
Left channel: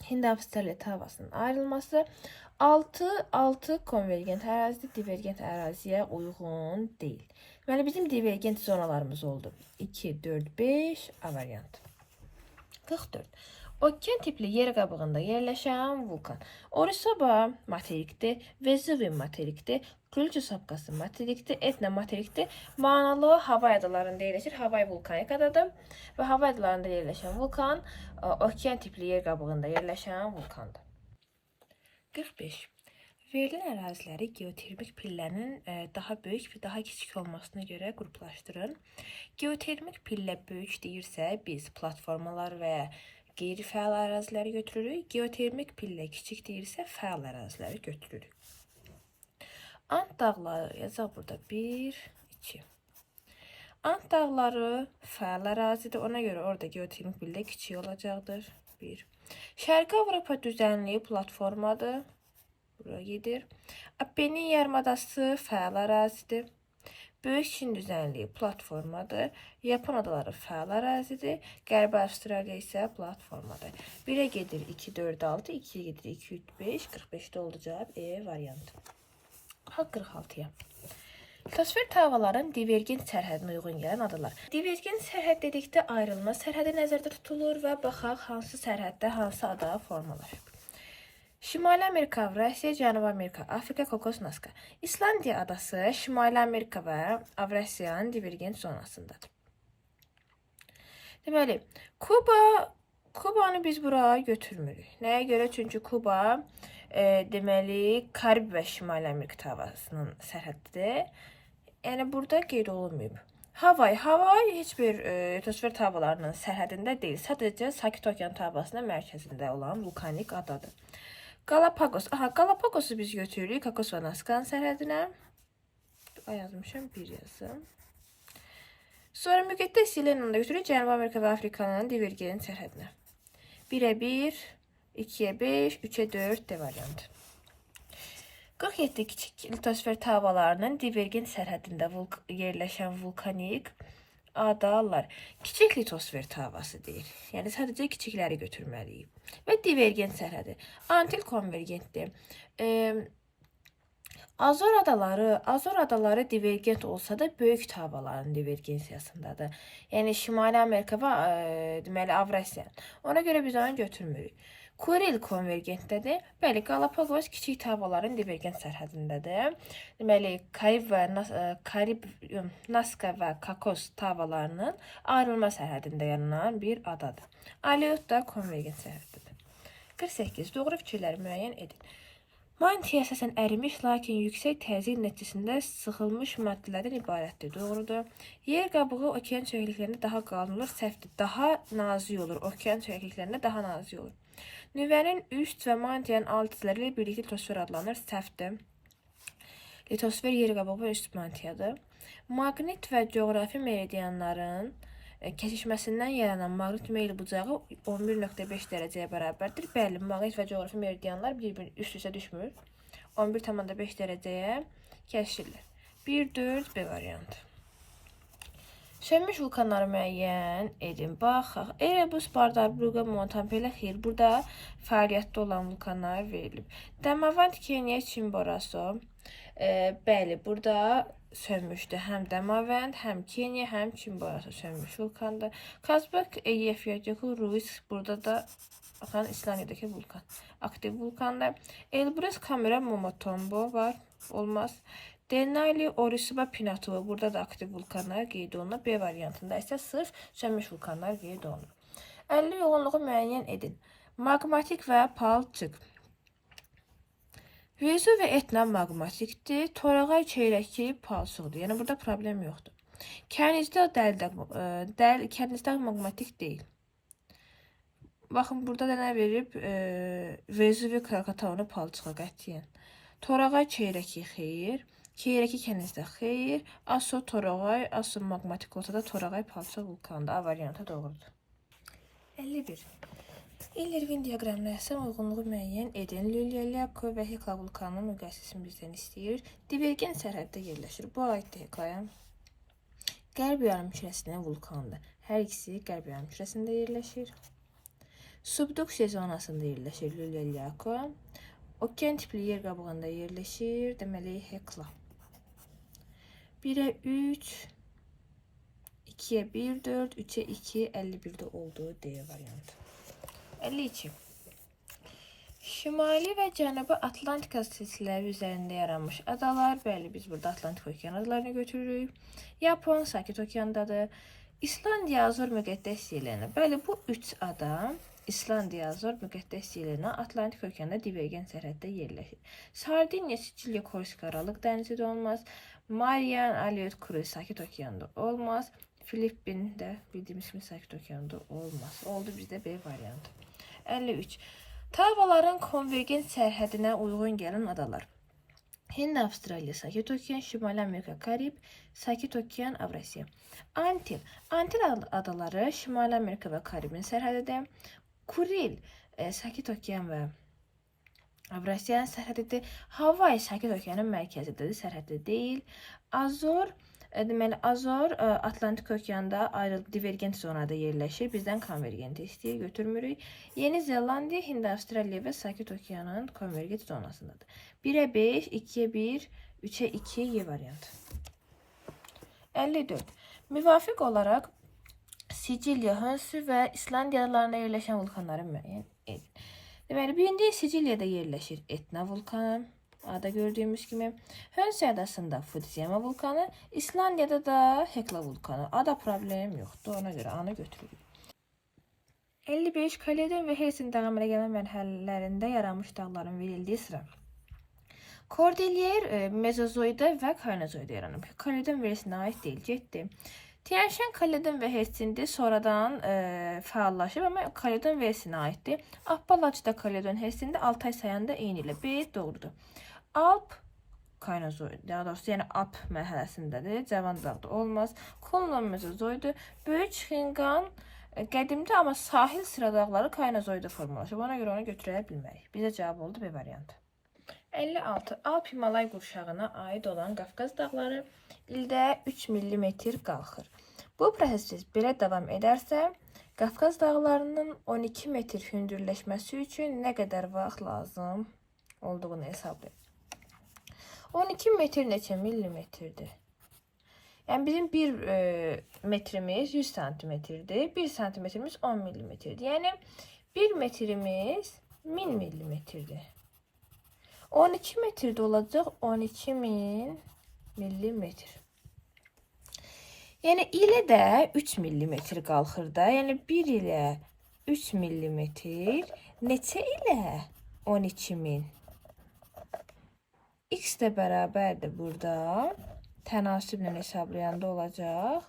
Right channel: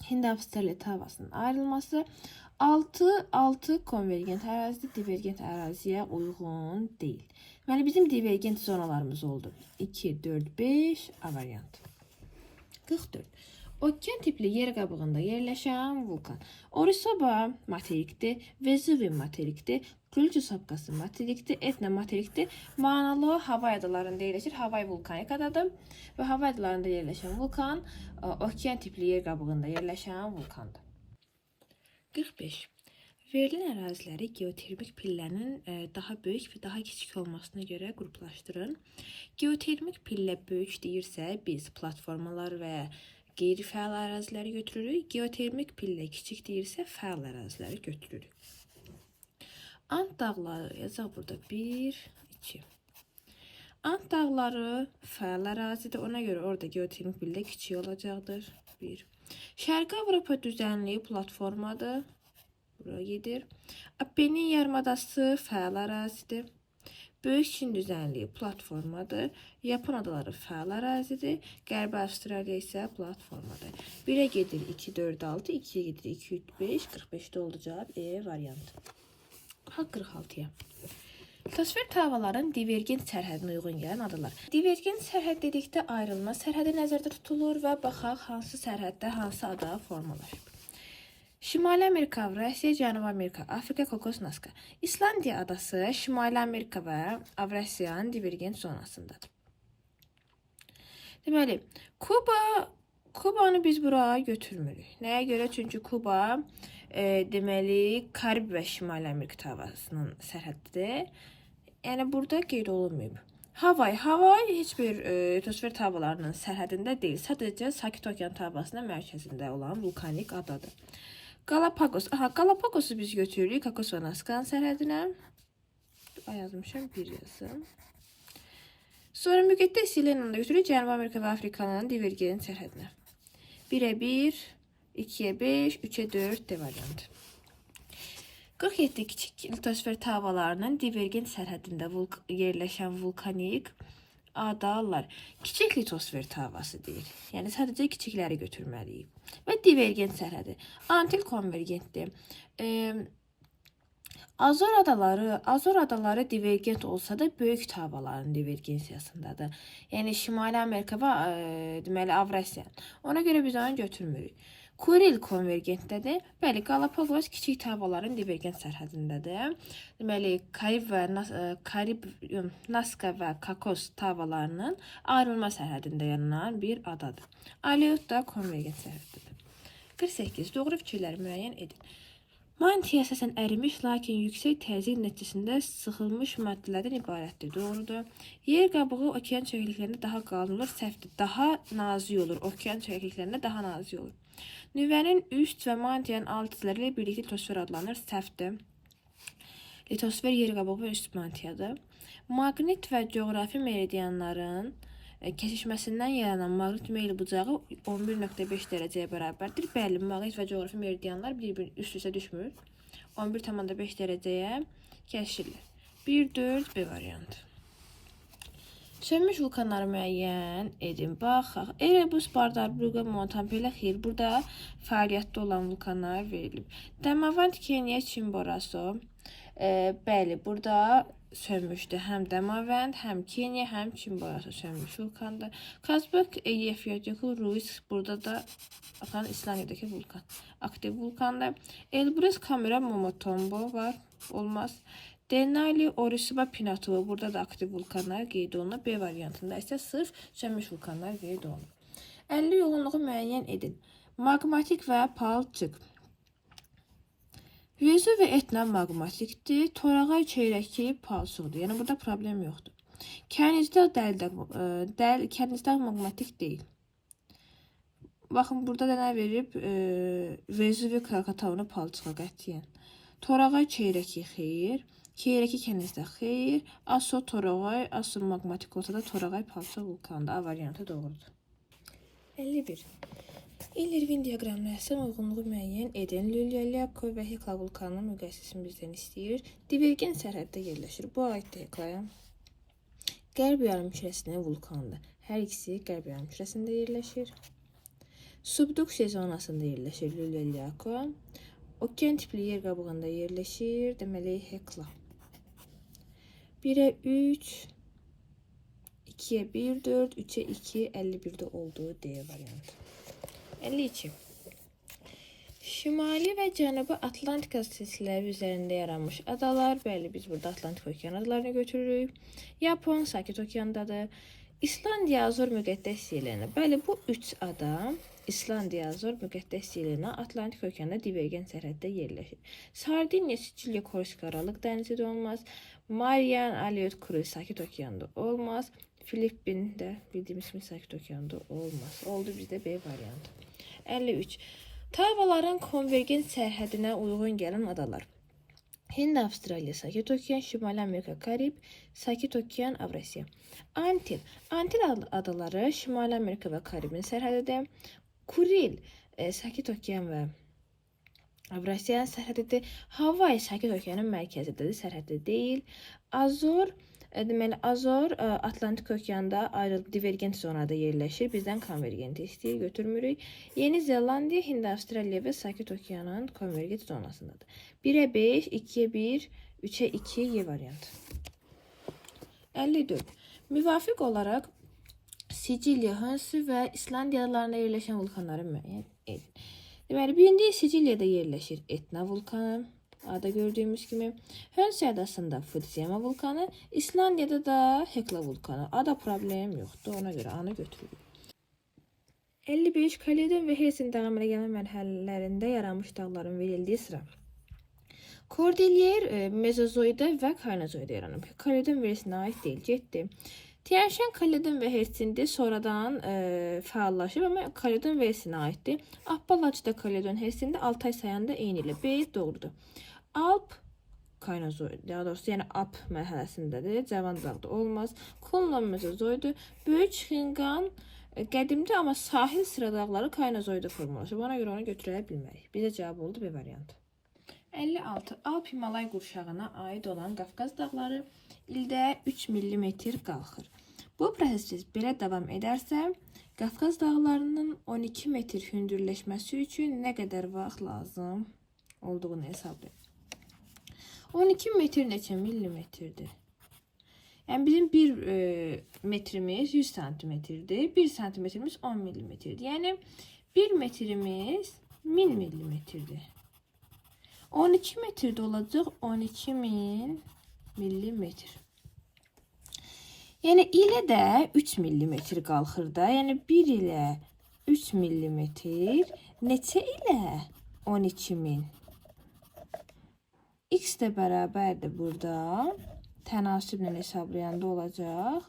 Hind-Avstraliya havasının ayrılması. 6 konvergent ərazidir. Divergent əraziyə uyğun deyil. Deməli bizim divergent zonalarımız oldu. 2, 4, 5 A variantı. 44. Okean tipli yer qabığında yerləşən vulkan. Orizaba materikdir, Vezuvi materikdir, Kulçu Sapkası materikdir, Etna materikdir. Manalı Havay adalarında yerləşir. Havay vulkanik adadır və Havay adalarında yerləşən vulkan okean tipli yer qabığında yerləşən vulkandır. 45. Verilən əraziləri geotermik pillərin daha böyük və daha kiçik olmasına görə qruplaşdırın. Geotermik pillə böyük deyirsə, biz platformalar və qeyri-fəal əraziləri götürürük. Geotermik pillə kiçik deyirsə, fəal əraziləri götürürük. Ant dağları yazaq burada 1, 2. Ant dağları fəal ərazidir. Ona görə orada geotermik pillə kiçik olacaqdır. 1. Şərqi Avropa düzənliyi platformadır. Buraya gedir. Apennin yarımadası fəal ərazidir. Böyük Çin düzənliyi platformadır. Yapon adaları fəal ərazidir. Qərbi Avstraliya isə platformadır. 1-ə gedir 2, 4, 6, 2-yə gedir 2, 3, 5, 45-də oldu cavab E variantı. 46-ya. Litosfer havaların divergent sərhədinə uyğun gələn adalar. Divergent sərhəd dedikdə ayrılma sərhədi nəzərdə tutulur və baxaq hansı sərhəddə hansı ada formalaşıb. Şimali Amerika, Avrasiya, Cənubi Amerika, Afrika, Kokos, Nazca. İslandiya adası Şimali Amerika və Avrasiyanın divergent zonasındadır. Deməli, Kubanı biz buraya götürmürük. Nəyə görə? Çünki Kuba deməli Karib və Şimali Amerika havasının sərhəddidir. Yəni burada qeyd olunmayıb. Havay heç bir litosfer havalarının sərhədində deyil. Sadəcə Sakit Okean havasının mərkəzində olan vulkanik adadır. Galapagos. Galapagosu biz götürürük Kokos və Nazca'nın sərhədinə. Yazmışam, 1 yazım. Sonra müqəddəs Yelenanı da götürürük Cənubi Amerika və Afrikanın divergent sərhədinə. 1-ə 1 2'ye 5, 3'e 4 D variantı. 47 kiçik litosfer tavalarının divergent sərhədində yerləşən vulkanik adalar kiçik litosfer tavası deyil. Yəni sadəcə kiçikləri götürməliyik. Və divergent sərhədi antil konvergentdir. Azor adaları divergent olsa da böyük tavaların divergensiyasındadır. Yəni Şimali Amerika və deməli Avrasiya. Ona görə biz onu götürmürük. Kuril konvergentdədir. Bəli, Galapagos kiçik tavaların divergent sərhədindədir. Deməli, Karib, Naska və Kakos tavalarının ayrılma sərhədində yaranan bir adadır. Aleut da konvergent sərhəddidir. 48. Doğru fikirləri müəyyən edin. Mantia əsasən ərimiş, lakin yüksək təzyiq nəticəsində sıxılmış maddələrdən ibarətdir. Doğrudur. Yer qabığı okean çökəkliklərində daha qalın olur, səhvdir. Daha nazik olur. Okean çökəkliklərində daha nazik olur. Nüvənin üst və mantiyanın alt hissələri ilə birlikdə litosfer adlanır, səhvdir. Litosfer yer qabığı və üst mantiyadır. Maqnit və coğrafi meridianların kesişməsindən yaranan maqnit meyl bucağı 11.5 dərəcəyə bərabərdir. Bəli, maqnit və coğrafi meridianlar bir-birini üst-üstə düşmür. 11.5 dərəcəyə kəsişirlər. 1-4 B variantı. Sönmüş vulkanları müəyyən edin. Baxaq. Erebus, Bardarburqa, Montampele, xeyr. Burada fəaliyyətdə olan vulkanlar verilib. Damavand, Kenya, Chimborazo. Bəli, burada sönmüşdü. Həm Damavand, həm Kenya, həm Chimborazo sönmüş vulkandır. Kazbek, Eyjafjallajökull, Ruis, burada da İslandiyadakı vulkan. Aktiv vulkandır. Elbrus, Kamera, Momotombo var. Olmaz. Denali, Orisuba, Pinatubo. Burada da aktiv vulkanlar qeyd olunur. B variantında isə sırf sönmüş vulkanlar qeyd olunur. 50 yoğunluğu müəyyən edin. Magmatik və palçıq. Vezuv və Etna magmatikdir. Torağay çeyrəki palçıqdır. Yəni burada problem yoxdur. Kənizdə magmatik deyil. Baxın, burada da nə verib? Vezuv və Krakatavunu palçığa qətiyyən. Torağay çeyrəki xeyir. Çeyrəki kənizdə xeyir. Aso Torağay, Aso magmatik olsa da Torağay palçıq vulkanında. A variantı doğrudur. 51. İl-Irvin diaqramına əsasən uyğunluğu müəyyən edin. Lülyelyako və Hekla vulkanının müqayisəsini bizdən istəyir. Divergent sərhəddə yerləşir. Bu aiddir Heklaya. Qərb yarımkürəsinin vulkanıdır. Hər ikisi qərb yarımkürəsində yerləşir. Subduksiya zonasında yerləşir Lülyelyako. Okean tipli yer qabığında yerləşir. Deməli Hekla. 1'e 3, 2'ye 1, 4, 3'e 2, 51'de olduğu D variantı. 52. Şimali və Cənubi Atlantika silsilələri üzərində yaranmış adalar. Bəli, biz burada Atlantik okean adalarını götürürük. Yapon Sakit okeandadır. İslandiya Azor müqəddəs yerlərinə. Bəli, bu 3 ada İslandiya Azor müqəddəs yerlərinə Atlantik okeanda divergent sərhəddə yerləşir. Sardiniya, Sicilya, Korsika Aralıq dənizi olmaz. Marian, Aleut, Kruz Sakit okeanda olmaz. Filippin'də bildiğimiz kimi Sakit okeanda olmaz. Oldu bizdə B variantı. 53. Tavaların konvergent sərhədinə uyğun gələn adalar. Hind, Avstraliya, Sakit okean, Şimali Amerika, Karib, Sakit okean, Avrasiya. Antil adaları Şimali Amerika və Karibin sərhədidir. Kuril, Sakit okean və Avrasiyanın sərhədidir. Hawaii Sakit okeanın mərkəzidədir, sərhəddə deyil. Azor, deməli Azor Atlantik okeanda ayrılıb divergent zonada yerləşir. Bizdən konvergent istəyir, götürmürük. Yeni Zelandiya, Hind, Avstraliya və Sakit okeanın konvergent zonasındadır. 1'e 5, 2'ye 1, 3'e 2 Y variantı. 54. Müvafiq olaraq Sicilya, Hönsi və İslandiya adalarında yerləşən vulkanları müəyyən edin. Deməli, birinci Sicilyada yerləşir Etna vulkanı. Ada gördüğümüz gibi. Hönsi adasında Fudziyama vulkanı. İslandiyada da Hekla vulkanı. Ada problem yoktu. Ona göre anı götürülür. 55. Kaledon ve Helsin dağı əmələ gəlmə mərhələlərində yaranmış dağların verildiği sıra. Kordilyer Mezozoida və Kaynozoida yaranıb. Kaledon verisinə ait deyil. Getdi. Tianşen Kaledon və Hersindi sonradan fəallaşıb, amma Kaledon verisinə aiddir. Appalachida Kaledon Hersindi 6 ay sayanda eyni ilə B doğrudur. Alp Kaynozoid, daha doğrusu yəni Alp mərhələsindədir. Cavan dağda olmaz. Kulnon Mezozoidu. Böyük Xingan Qədimdə amma sahil sıra dağları Kaynozoyda formalaşıb. Ona görə onu götürə bilmərik. Bizə cavab oldu B variantı. 56. Alp-Himalay qurşağına aid olan Qafqaz dağları ildə 3 mm qalxır. Bu proses belə davam edərsə, Qafqaz dağlarının 12 metr hündürləşməsi üçün nə qədər vaxt lazım olduğunu hesablayın. 12 metr neçə millimetrdir? Yəni bizim 1 metrimiz 100 santimetrdir. 1 santimetrimiz 10 millimetrdir. Yəni 1 metrimiz 1000 millimetrdir. 12 metrdə olacaq 12.000 millimetr. Yəni ilə də 3 millimetr qalxır da. Yəni 1 ilə 3 millimetr neçə ilə 12.000? X də bərabərdir burada. Tənasiblə hesablayanda olacaq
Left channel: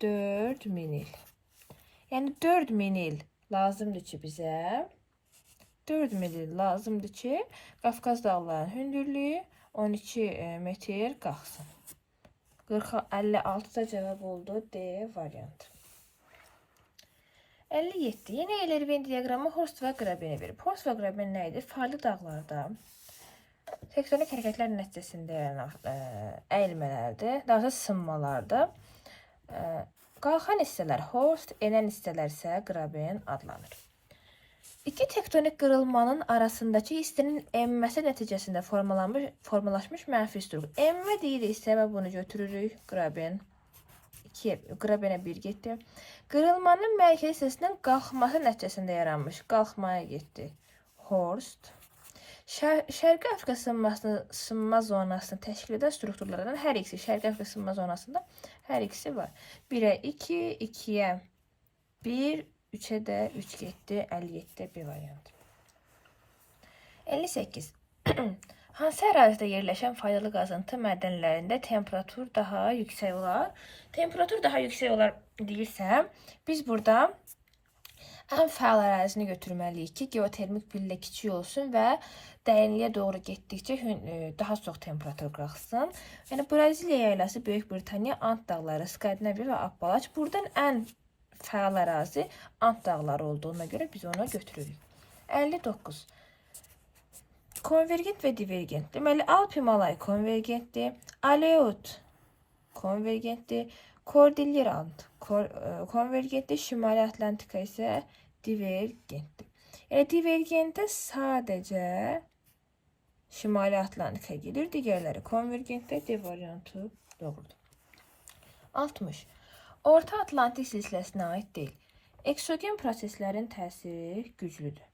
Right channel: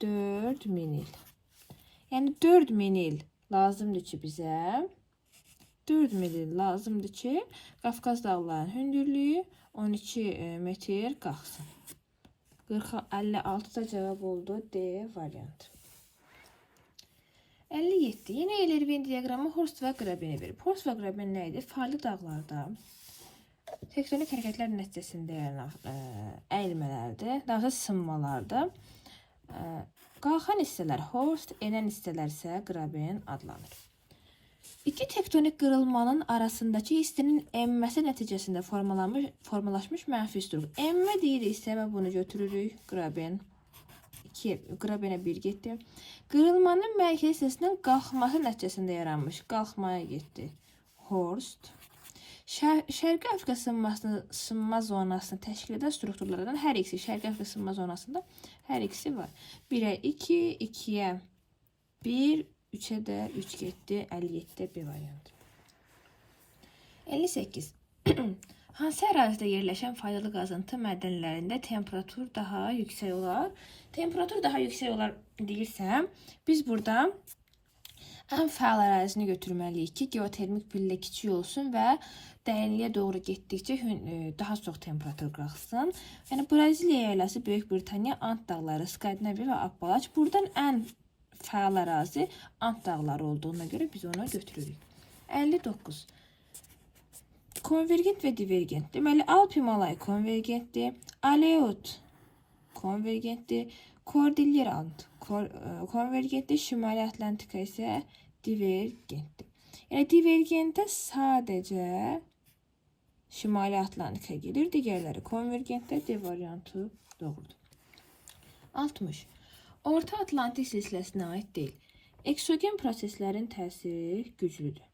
4000 il. Yəni 4000 il lazımdır ki bizə. 4000 il lazımdır ki Qafqaz dağlarının hündürlüyü 12 metr qalxsın. 56 da cevap oldu D variantı. 57. Yine Eyler-Venn diaqramı Horst və Grabeni verib. Horst və Graben nə idi? Fərqli dağlarda tektonik hərəkətlər nəticəsində əyilmələrdir. Daha sonra sınmalardır. Qalxan hissələr Horst, enən hissələr isə Graben adlanır. İki tektonik qırılmanın arasındakı hissənin emmməsi nəticəsində formalaşmış mənfi üstürlük. Emmə deyiriksə və bunu götürürük. Graben 2, Grabenə 1 getdi. Qırılmanın mərkəzi hissəsindən qalxması nəticəsində yaranmış. Qalxmaya getdi. Horst. Şərqi Afrika sınma zonasını təşkil edən strukturlardan hər ikisi Şərqi Afrika sınma zonasında hər ikisi var. 1-ə 2, 2-yə 1, 3'e de 3 getdi. 57'de B variantı. 58. Hansı ərazidə yerləşən faydalı qazıntı mədənlərində temperatur daha yüksək olar? Temperatur daha yüksək olar deyirsəm, biz burada ən fəal ərazini götürməliyik ki, geotermik pillə kiçik olsun və dərinliyə doğru getdikcə daha çox temperatur qalxsın. Yəni Braziliya yaylası, Böyük Britaniya, Ant dağları, Skandinaviya və Appalaç. Buradan ən fəal ərazi Ant dağları olduğuna görə biz onu götürürük. 59. Konvergent və divergent. Deməli, Alp-Himalay konvergentdir. Aleut konvergentdir. Kordilyer Ant konvergentdir. Şimali Atlantika isə divergentdir. Yəni, divergentdə sadəcə Şimali Atlantika gedir. Digərləri konvergentdə D variantı doğrudur. 60. Orta Atlantik silsiləsinə aid deyil. Eksogen proseslərin təsiri güclüdür.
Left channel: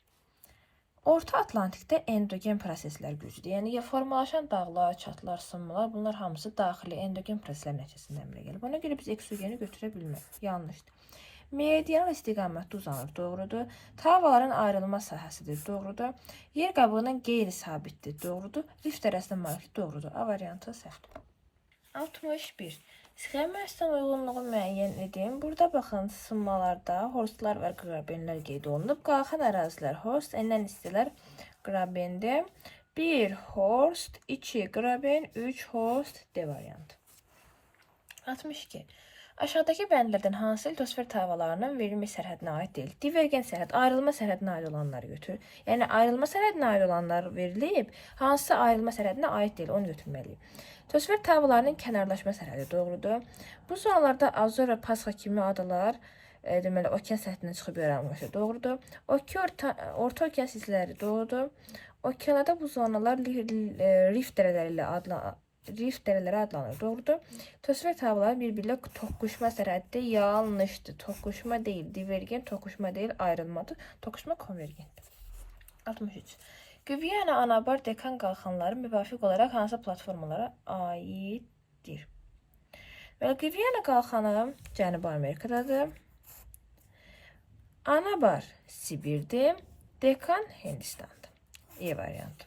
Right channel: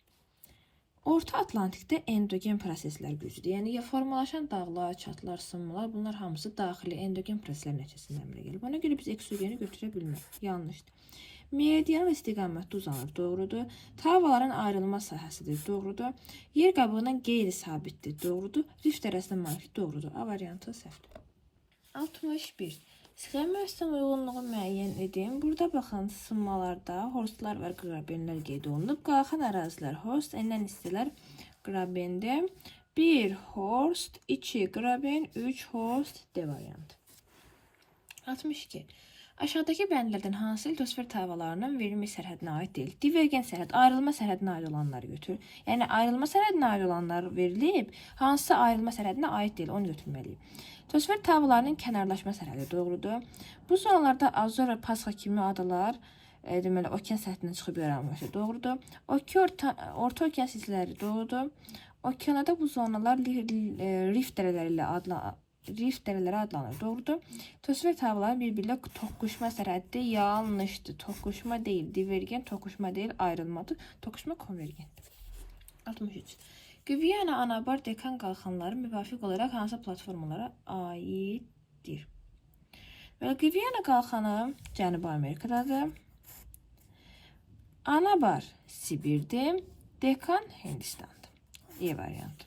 Orta Atlantikdə endogen proseslər güclüdür. Yəni formalaşan dağlar, çatlar, sınmalar, bunlar hamısı daxili endogen proseslər nəticəsində əmələ gəlir. Buna görə biz eksogeni götürə bilmərik. Yanlışdır. Meridional istiqamətdə uzanır. Doğrudur. Tavaların ayrılma sahəsidir. Doğrudur. Yer qabığının qeyri-sabitdir. Doğrudur. Rift arasında manyetik. Doğrudur. A variantı səhvdir. 61. Sxemə əslən uyğunluğu müəyyən edin. Burada baxın, sınmalarda horstlar və grabenlər qeyd olunub. Qalxan ərazilər horst, enən hissələr grabendir. 1 horst, 2 graben, 3 horst D variantı. 62. Aşağıdakı bəndlərdən hansı litosfer tavalarının verilmiş sərhədinə aid deyil? Divergent sərhəd, ayrılma sərhədinə aid olanları götür. Yəni ayrılma sərhədinə aid olanlar verilib, hansı ayrılma sərhədinə aid deyil, onu götürməliyik. Litosfer tavalarının kənarlaşma sərhədi doğrudur. Bu zonalarda Azor və Pasxa kimi adalar deməli okean səthindən çıxıb yaranmışdır. Doğrudur. Orta okean silsilələri doğrudur. Okeanlarda bu zonalar rift dərələri adlanır. Doğrudur. Litosfer tavalarının bir-birlə toqquşma sərhəddə yanlışdır. Toqquşma deyil, divergent, toqquşma deyil, ayrılmadır. Toqquşma konvergentdir. 63. Gviyana, Anabar, Dekan qalxanları müvafiq olaraq hansı platformalara aiddir? Və Gviyana qalxanı Cənubi Amerikadadır. Anabar Sibirdir. Dekan Hindistandır. E variantı.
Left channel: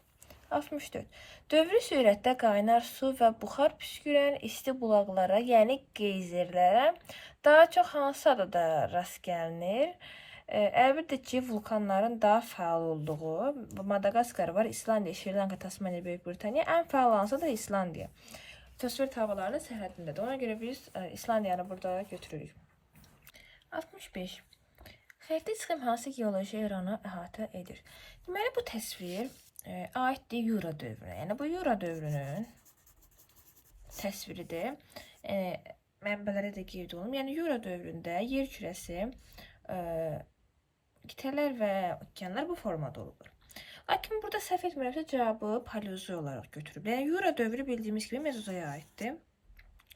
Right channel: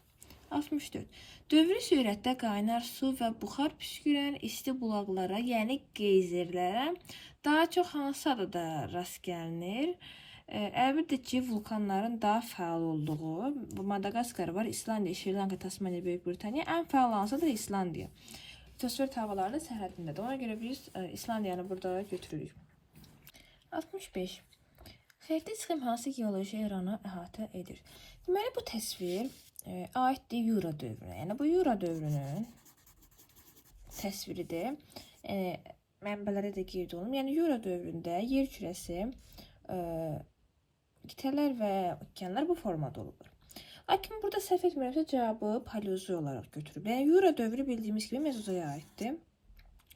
64. Dövrü sürətdə qaynar su və buxar püskürən isti bulaqlara, yəni geyzerlərə daha çox hansı adada rast gəlinir? Əlbəttə ki, vulkanların daha fəal olduğu Madagaskar var, İslandiya, Şri-Lanka, Tasmaniya, Böyük Britaniya. Ən fəal hansısa da İslandiya. Litosfer tavalarının sərhədindədir. Ona görə biz İslandiyanı burada götürürük. 65. Xəritə sxem hansı geoloji eranı əhatə edir? Deməli, bu təsvir aiddir Yura dövrünə. Yəni, bu Yura dövrünün təsviridir. Mənbələrə də qeyd olunur. Yəni, Yura dövründə yer kürəsi, qitələr və okeanlar bu formada olur. Lakin burada səhv etmirəmsə cavabı paleozoy olaraq götürüb. Yəni, Yura dövrü bildiyimiz kimi Mezozoya aiddir.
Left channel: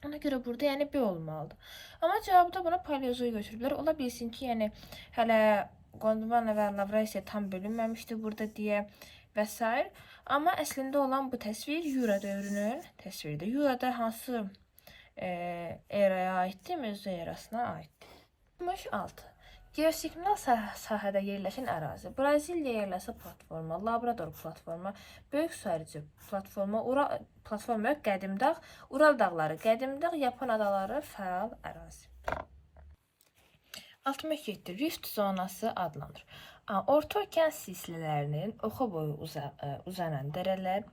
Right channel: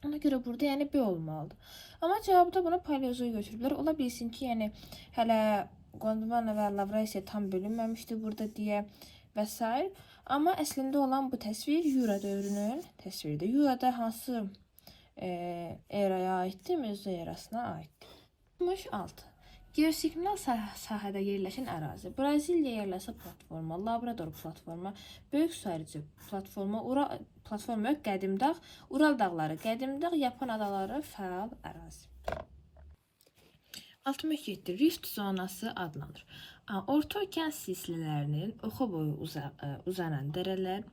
Ona görə burada yəni B olmalıdır. Amma cavabda buna paleozoy götürüblər. Ola bilsin ki, yəni hələ Gondwana və Lavrasiya tam bölünməmişdi burada deyə və s. Amma əslində olan bu təsvir Yura dövrünün təsviridir. Yurada hansı eraya aiddir? Mezozoy erasına aiddir. 66. Geosignal sahədə yerləşən ərazi. Braziliya yerləşə platforma, Labrador platforma, Böyük su hərci platforma, platforma Qədimdağ, Ural dağları, Qədimdağ, Yapon adaları fəal ərazi. 67. Rift zonası adlanır. Orta okean silsilələrinin oxa boyu uzanan dərələr,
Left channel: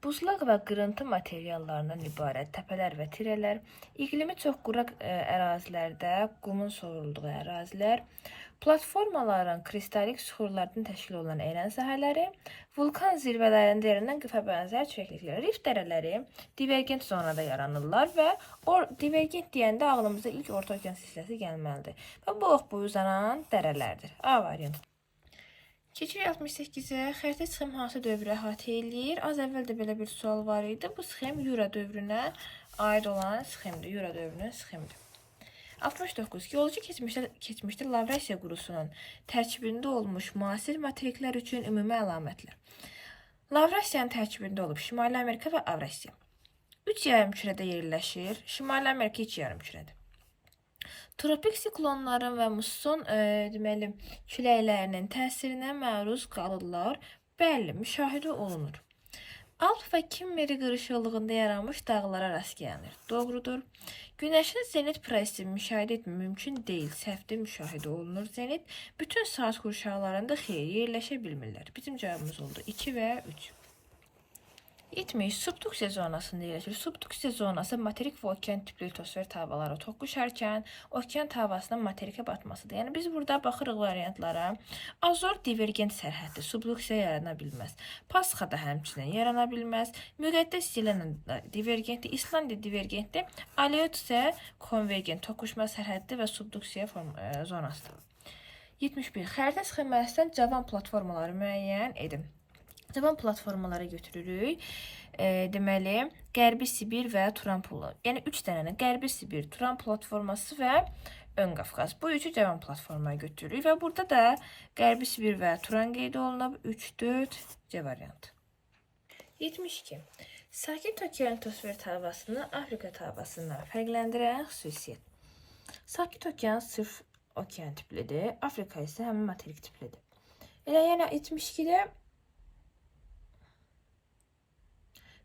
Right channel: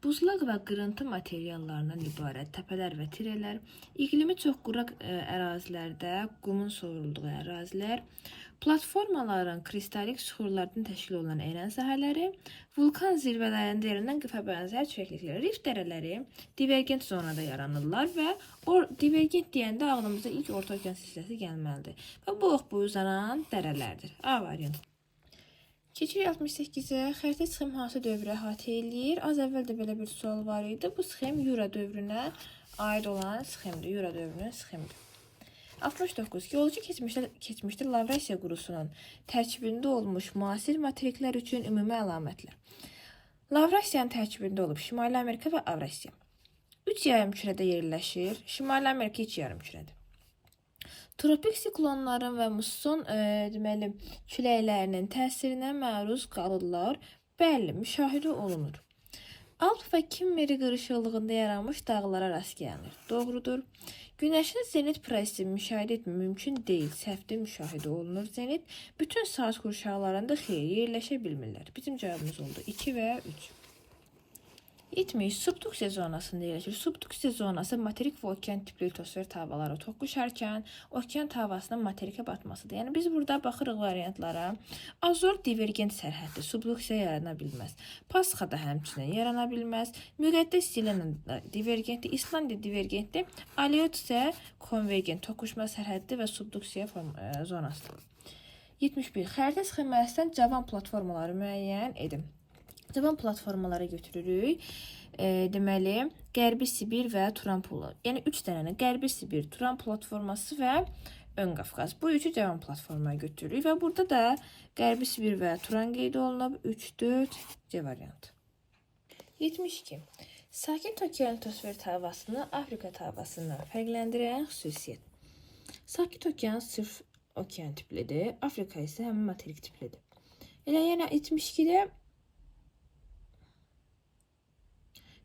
buzlaq və qırıntı materiallarından ibarət təpələr və tirələr, iqlimi çox quraq ərazilərdə qumun soyulduğu ərazilər, platformaların kristalik süxurlardan təşkil olunan eran sahələri, vulkan zirvələrində yaranan qıfa bənzər çökəkliklər. Rift dərələri divergent zonada yaranırlar və divergent deyəndə ağlımıza ilk orta okean silsiləsi gəlməlidir. Və bu ox boyu uzanan dərələrdir. A variantı. Keçirik 68-ə. Xəritə sxem hansı dövrü əhatə eləyir? Az əvvəl də belə bir sual var idi. Bu sxem Yura dövrünə aid olan sxemdir. Yura dövrünün sxemidir. 69. Geoloji keçmişdə Lavrasiya qurusunun tərkibində olmuş müasir materiklər üçün ümumi əlamətlər. Lavrasiyanın tərkibində olub Şimali Amerika və Avrasiya. 3 yarımkürədə yerləşir. Şimali Amerika 2 yarımkürədir. Tropik siklonların və musson deməli küləklərinin təsirinə məruz qalırlar. Bəli, müşahidə olunur. Alp və Kimmeri qırışıqlığında yaranmış dağlara rast gəlinir. Doğrudur. Günəşin zenit prosesi müşahidə etmək mümkün deyil. Səhvdir, müşahidə olunur zenit. Bütün saat qurşaqlarında xeyr yerləşə bilmirlər. Bizim cavabımız oldu 2 və 3. 70. Subduksiya zonasında yerləşir. Subduksiya zonası materik və okean tipli litosfer tavaları toqquşarkən okean tavasının materikə batmasıdır. Yəni biz burada baxırıq variantlara. Azor divergent sərhəddir. Subduksiya yarana bilməz. Pasxa da həmçinin yarana bilməz. Müqəddəs Selena divergentdir. İslandiya divergentdir. Aleut isə konvergent toqquşma sərhəddir və subduksiya zonasıdır. 71. Xəritə sxeməsindən cavan platformaları müəyyən edin. Cavan platformalara götürürük. Deməli, Qərbi Sibir və Turan pulu. Yəni 3 dənənin Qərbi Sibir, Turan platforması və Ön Qafqaz. Bu üçü cavan platformaya götürürük və burada da Qərbi Sibir və Turan qeyd olunub. 3, 4 C variantı. 72. Sakit okean litosfer tavasını Afrika tavasından fərqləndirən xüsusiyyət. Sakit okean sırf okean tiplidir. Afrika isə həmin materik tiplidir. Yəni 72-də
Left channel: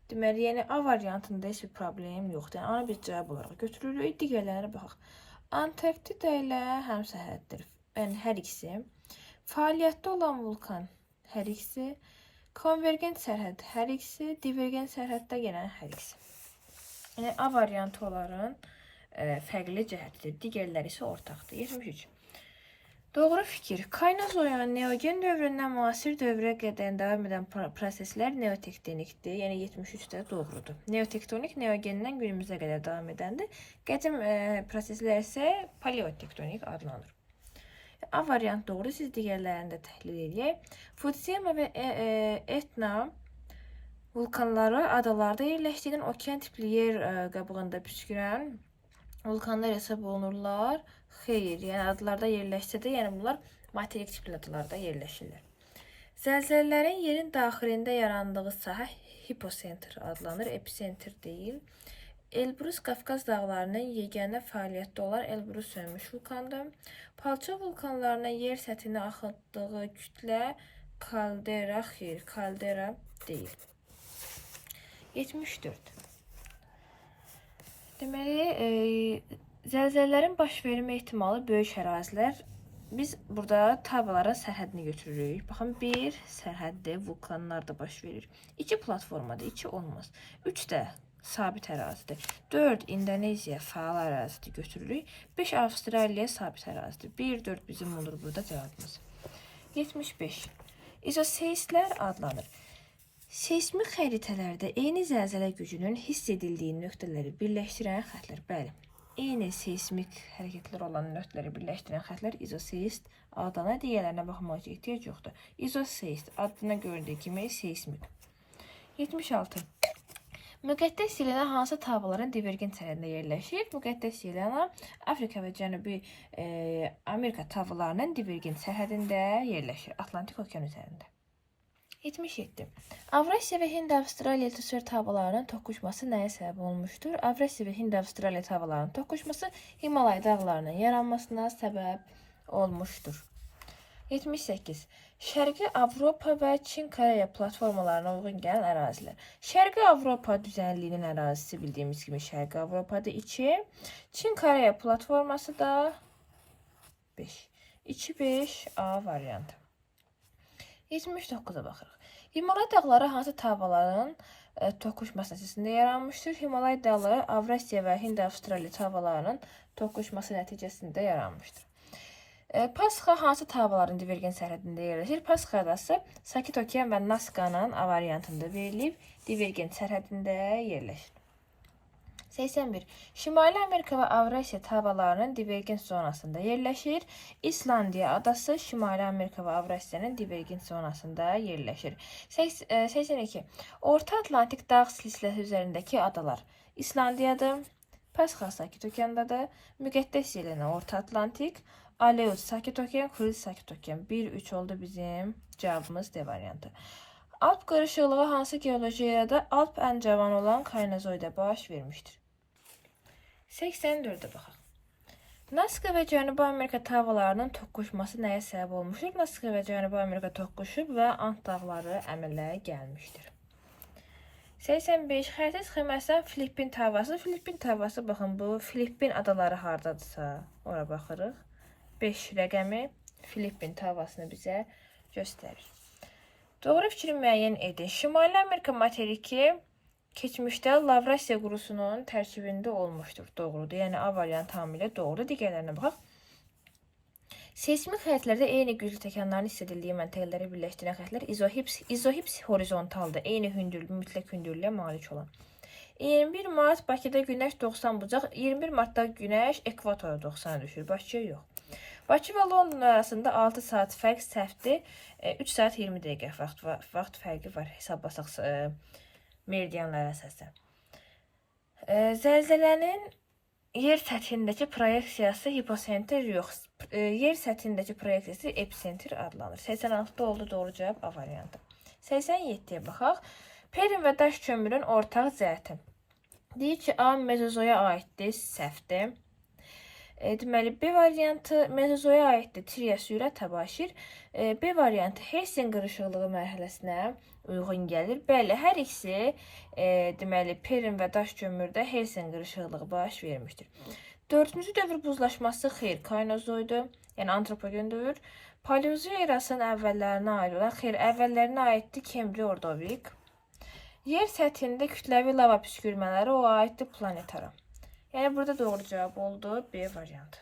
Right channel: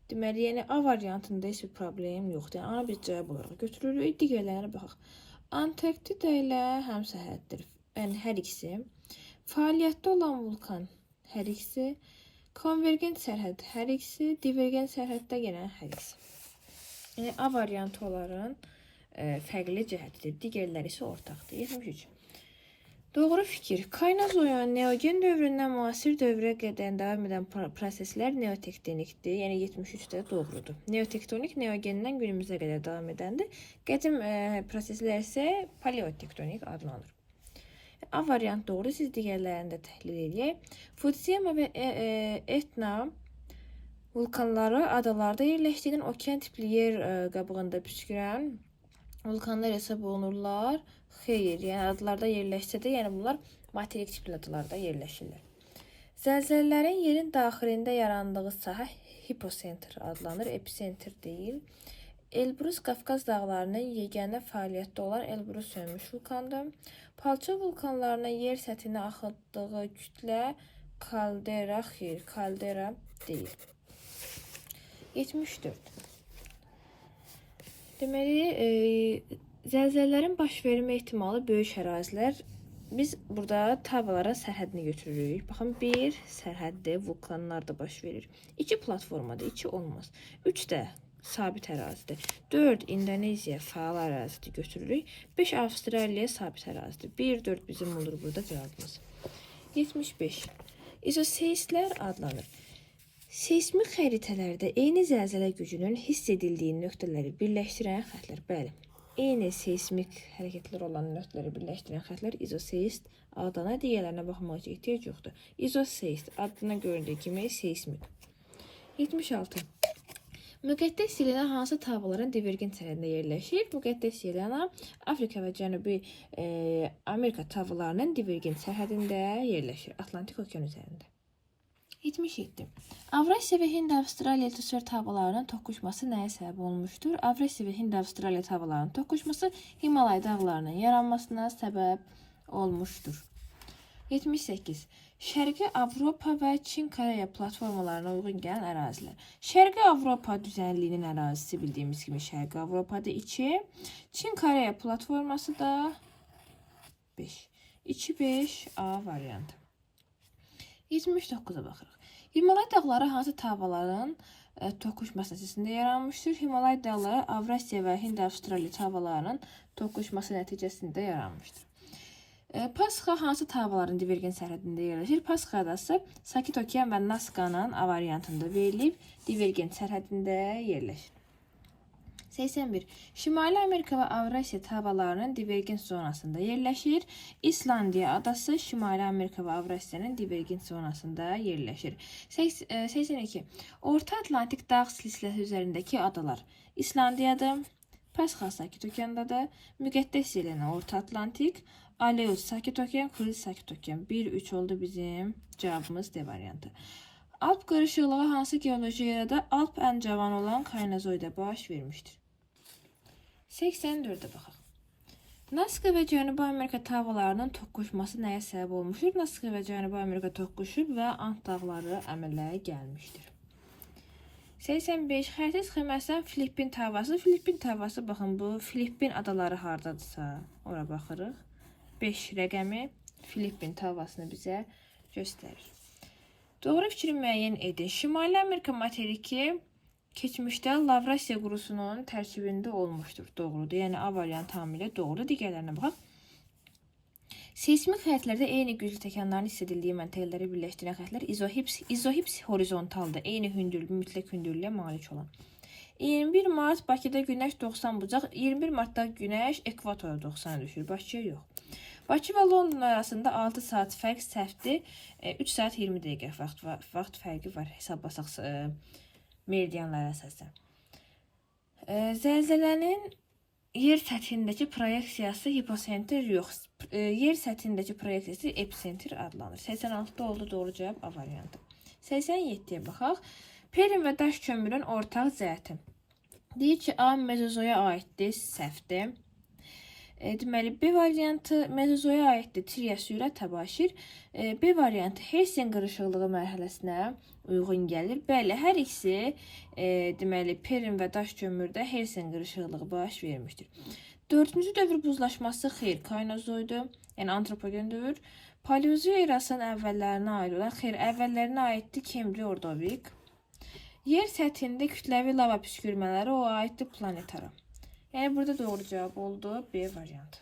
deməli, yəni A variantında heç bir problem yoxdur. Yəni, A-nı bir cavab olaraq götürürük. Digərlərinə baxaq. Antarktida ilə həmsəhəddir. Yəni, hər ikisi. Fəaliyyətdə olan vulkan hər ikisi. Konvergent sərhəd hər ikisi. Divergent sərhəddə gələn hər ikisi. Yəni, A variantı onların fərqli cəhətidir. Digərləri isə ortaqdır. 73. Doğru fikir. Kaynozoyan neogen dövründən müasir dövrə qədər davam edən proseslər neotektonikdir. Yəni 73-də doğrudur. Neotektonik neogenden günümüzə qədər davam edəndir. Qədim proseslər isə paleotektonik adlanır. A variant doğru. Siz digərlərini də təhlil edək. Futsiyama və Etna vulkanları adalarda yerləşdiyindən okean tipli yer qabığında püskürən vulkanlar hesab olunurlar. Xeyr, yəni adalarda yerləşsə də, yəni bunlar materik tipli adalarda yerləşirlər. Zəlzələlərin yerin daxilində yarandığı sahə hipocenter adlanır, epicenter deyil. Elbrus Qafqaz dağlarının yeganə fəaliyyətdə olan Elbrus sönmüş vulkandır. Palço vulkanlarına yer səthinə axıtdığı kütlə kaldera, xeyr, kaldera deyil. 74. Deməli, zəlzələlərin baş vermə ehtimalı böyük ərazilər. Biz burada tavalara sərhədini götürürük. Baxın, 1 sərhəddə vulkanlar da baş verir. 2 platformada 2 olmaz. 3 də sabit ərazidir. 4 İndoneziya faal ərazidir götürürük. 5 Avstraliya sabit ərazidir. 1, 4 bizim olur burada cavabımız. 75. İzoseistlər adlanır. Seismik xəritələrdə eyni zəlzələ gücünün hiss edildiyi nöqtələri birləşdirən xətlər. Bəli, eyni seismik hərəkətlər olan nöqtələri birləşdirən xətlər izoseist adına, digərlərinə baxmaq ehtiyac yoxdur. İzoseist adına göründüyü kimi seismik. 76. Müqəddəs Yelena hansı tavaların divergent sərhədində yerləşir? Müqəddəs Yelena Afrika və Cənubi Amerika tavalarının divergent sərhədində yerləşir. Atlantik okean üzərində. 77. Avrasiya və Hind-Avstraliya litosfer tavalarının toqquşması nəyə səbəb olmuşdur? Avrasiya və Hind-Avstraliya tavalarının toqquşması Himalay dağlarının yaranmasına səbəb olmuşdur. 78. Şərqi Avropa və Çin-Koreya platformalarına uyğun gələn ərazilər. Şərqi Avropa düzənliyinin ərazisi bildiyimiz kimi Şərqi Avropada 2. Çin-Koreya platforması da 5. 2-5 A variantı. 79'a baxırıq. Himalay dağları hansı tavaların toqquşması nəticəsində yaranmışdır? Himalay dağları Avrasiya və Hind-Avstraliya tavalarının toqquşması nəticəsində yaranmışdır. Pasxa hansı tavaların divergent sərhədində yerləşir? Pasxa adası Sakit Okean və Nazcanın A variantında verilib, divergent sərhədində yerləşir. 81. Şimali Amerika və Avrasiya tavalarının divergent zonasında yerləşir. İslandiya adası Şimali Amerika və Avrasiyanın divergent zonasında yerləşir. 82. Orta Atlantik dağ silsiləsi üzərindəki adalar. İslandiyadır. Pasxa Sakit Okeandadır. Müqəddəs Yelena Orta Atlantik. Aleus Sakit Okean, Kuriles Sakit Okean. 1-3 oldu bizim cavabımız D variantı. Alp qarışıqlığı hansı geoloji yerdə Alp ən cavan olan Kaynazoyda baş vermişdir? 84'e baxaq. Nazca və Cənubi Amerika tavalarının toqquşması nəyə səbəb olmuşdur? Nazca və Cənubi Amerika toqquşub və Ant dağları əmələ gəlmişdir. 85. Xəritə sxemasından Filippin tavası. Filippin tavası, baxın, bu Filippin adaları hardadırsa, ora baxırıq. 5 rəqəmi Filippin tavasını bizə göstərir. Doğru fikri müəyyən edin. Şimali Amerika materiki keçmişdə Lavrasiya qurusunun tərkibində olmuşdur. Doğrudur. Yəni A variantı tamamilə doğrudur. Digərlərinə baxaq. Seismik xəttlərdə eyni güclü təkanların hiss edildiyi məntəqələri birləşdirən xəttlər izohips horizontaldır. Eyni hündürlük, mütləq hündürlüyə malik olan. 21 Mart Bakıda günəş 90 bucaq, 21 Martda günəş ekvatora 90 düşür. Bakıya yox. Bakı və London arasında 6 saat fərq səhvdir. 3 saat 20 dəqiqə vaxt fərqi var. Hesablasaq meridianlara əsasən. Zəlzələnin yer səthindəki proyeksiyası hiposenter yox. Yer səthindəki proyeksiyası epicenter adlanır. 86'da oldu doğru cavab A variantı. 87'ye baxaq. Perin və daş kömürün ortaq cəhəti. Deyir ki, A mezozoya aiddir, səhvdir. Deməli, B variantı mezozoya aiddir, Trias sürət təbaşir. B variantı Helsin qırışıqlığı mərhələsinə uyğun gəlir. Bəli, hər ikisi deməli, Perin və daş kömürdə Helsin qırışıqlığı baş vermişdir. 4-cü dövr buzlaşması xeyr, Kaynozoydur, yəni antropogen dövr. Paleozoy erasının əvvəllərinə aid olan, xeyr, əvvəllərinə aiddir Kembri Ordovik. Yer səthində kütləvi lava püskürmələri o aiddir planetara. Yəni burada doğru cavab oldu B variantı.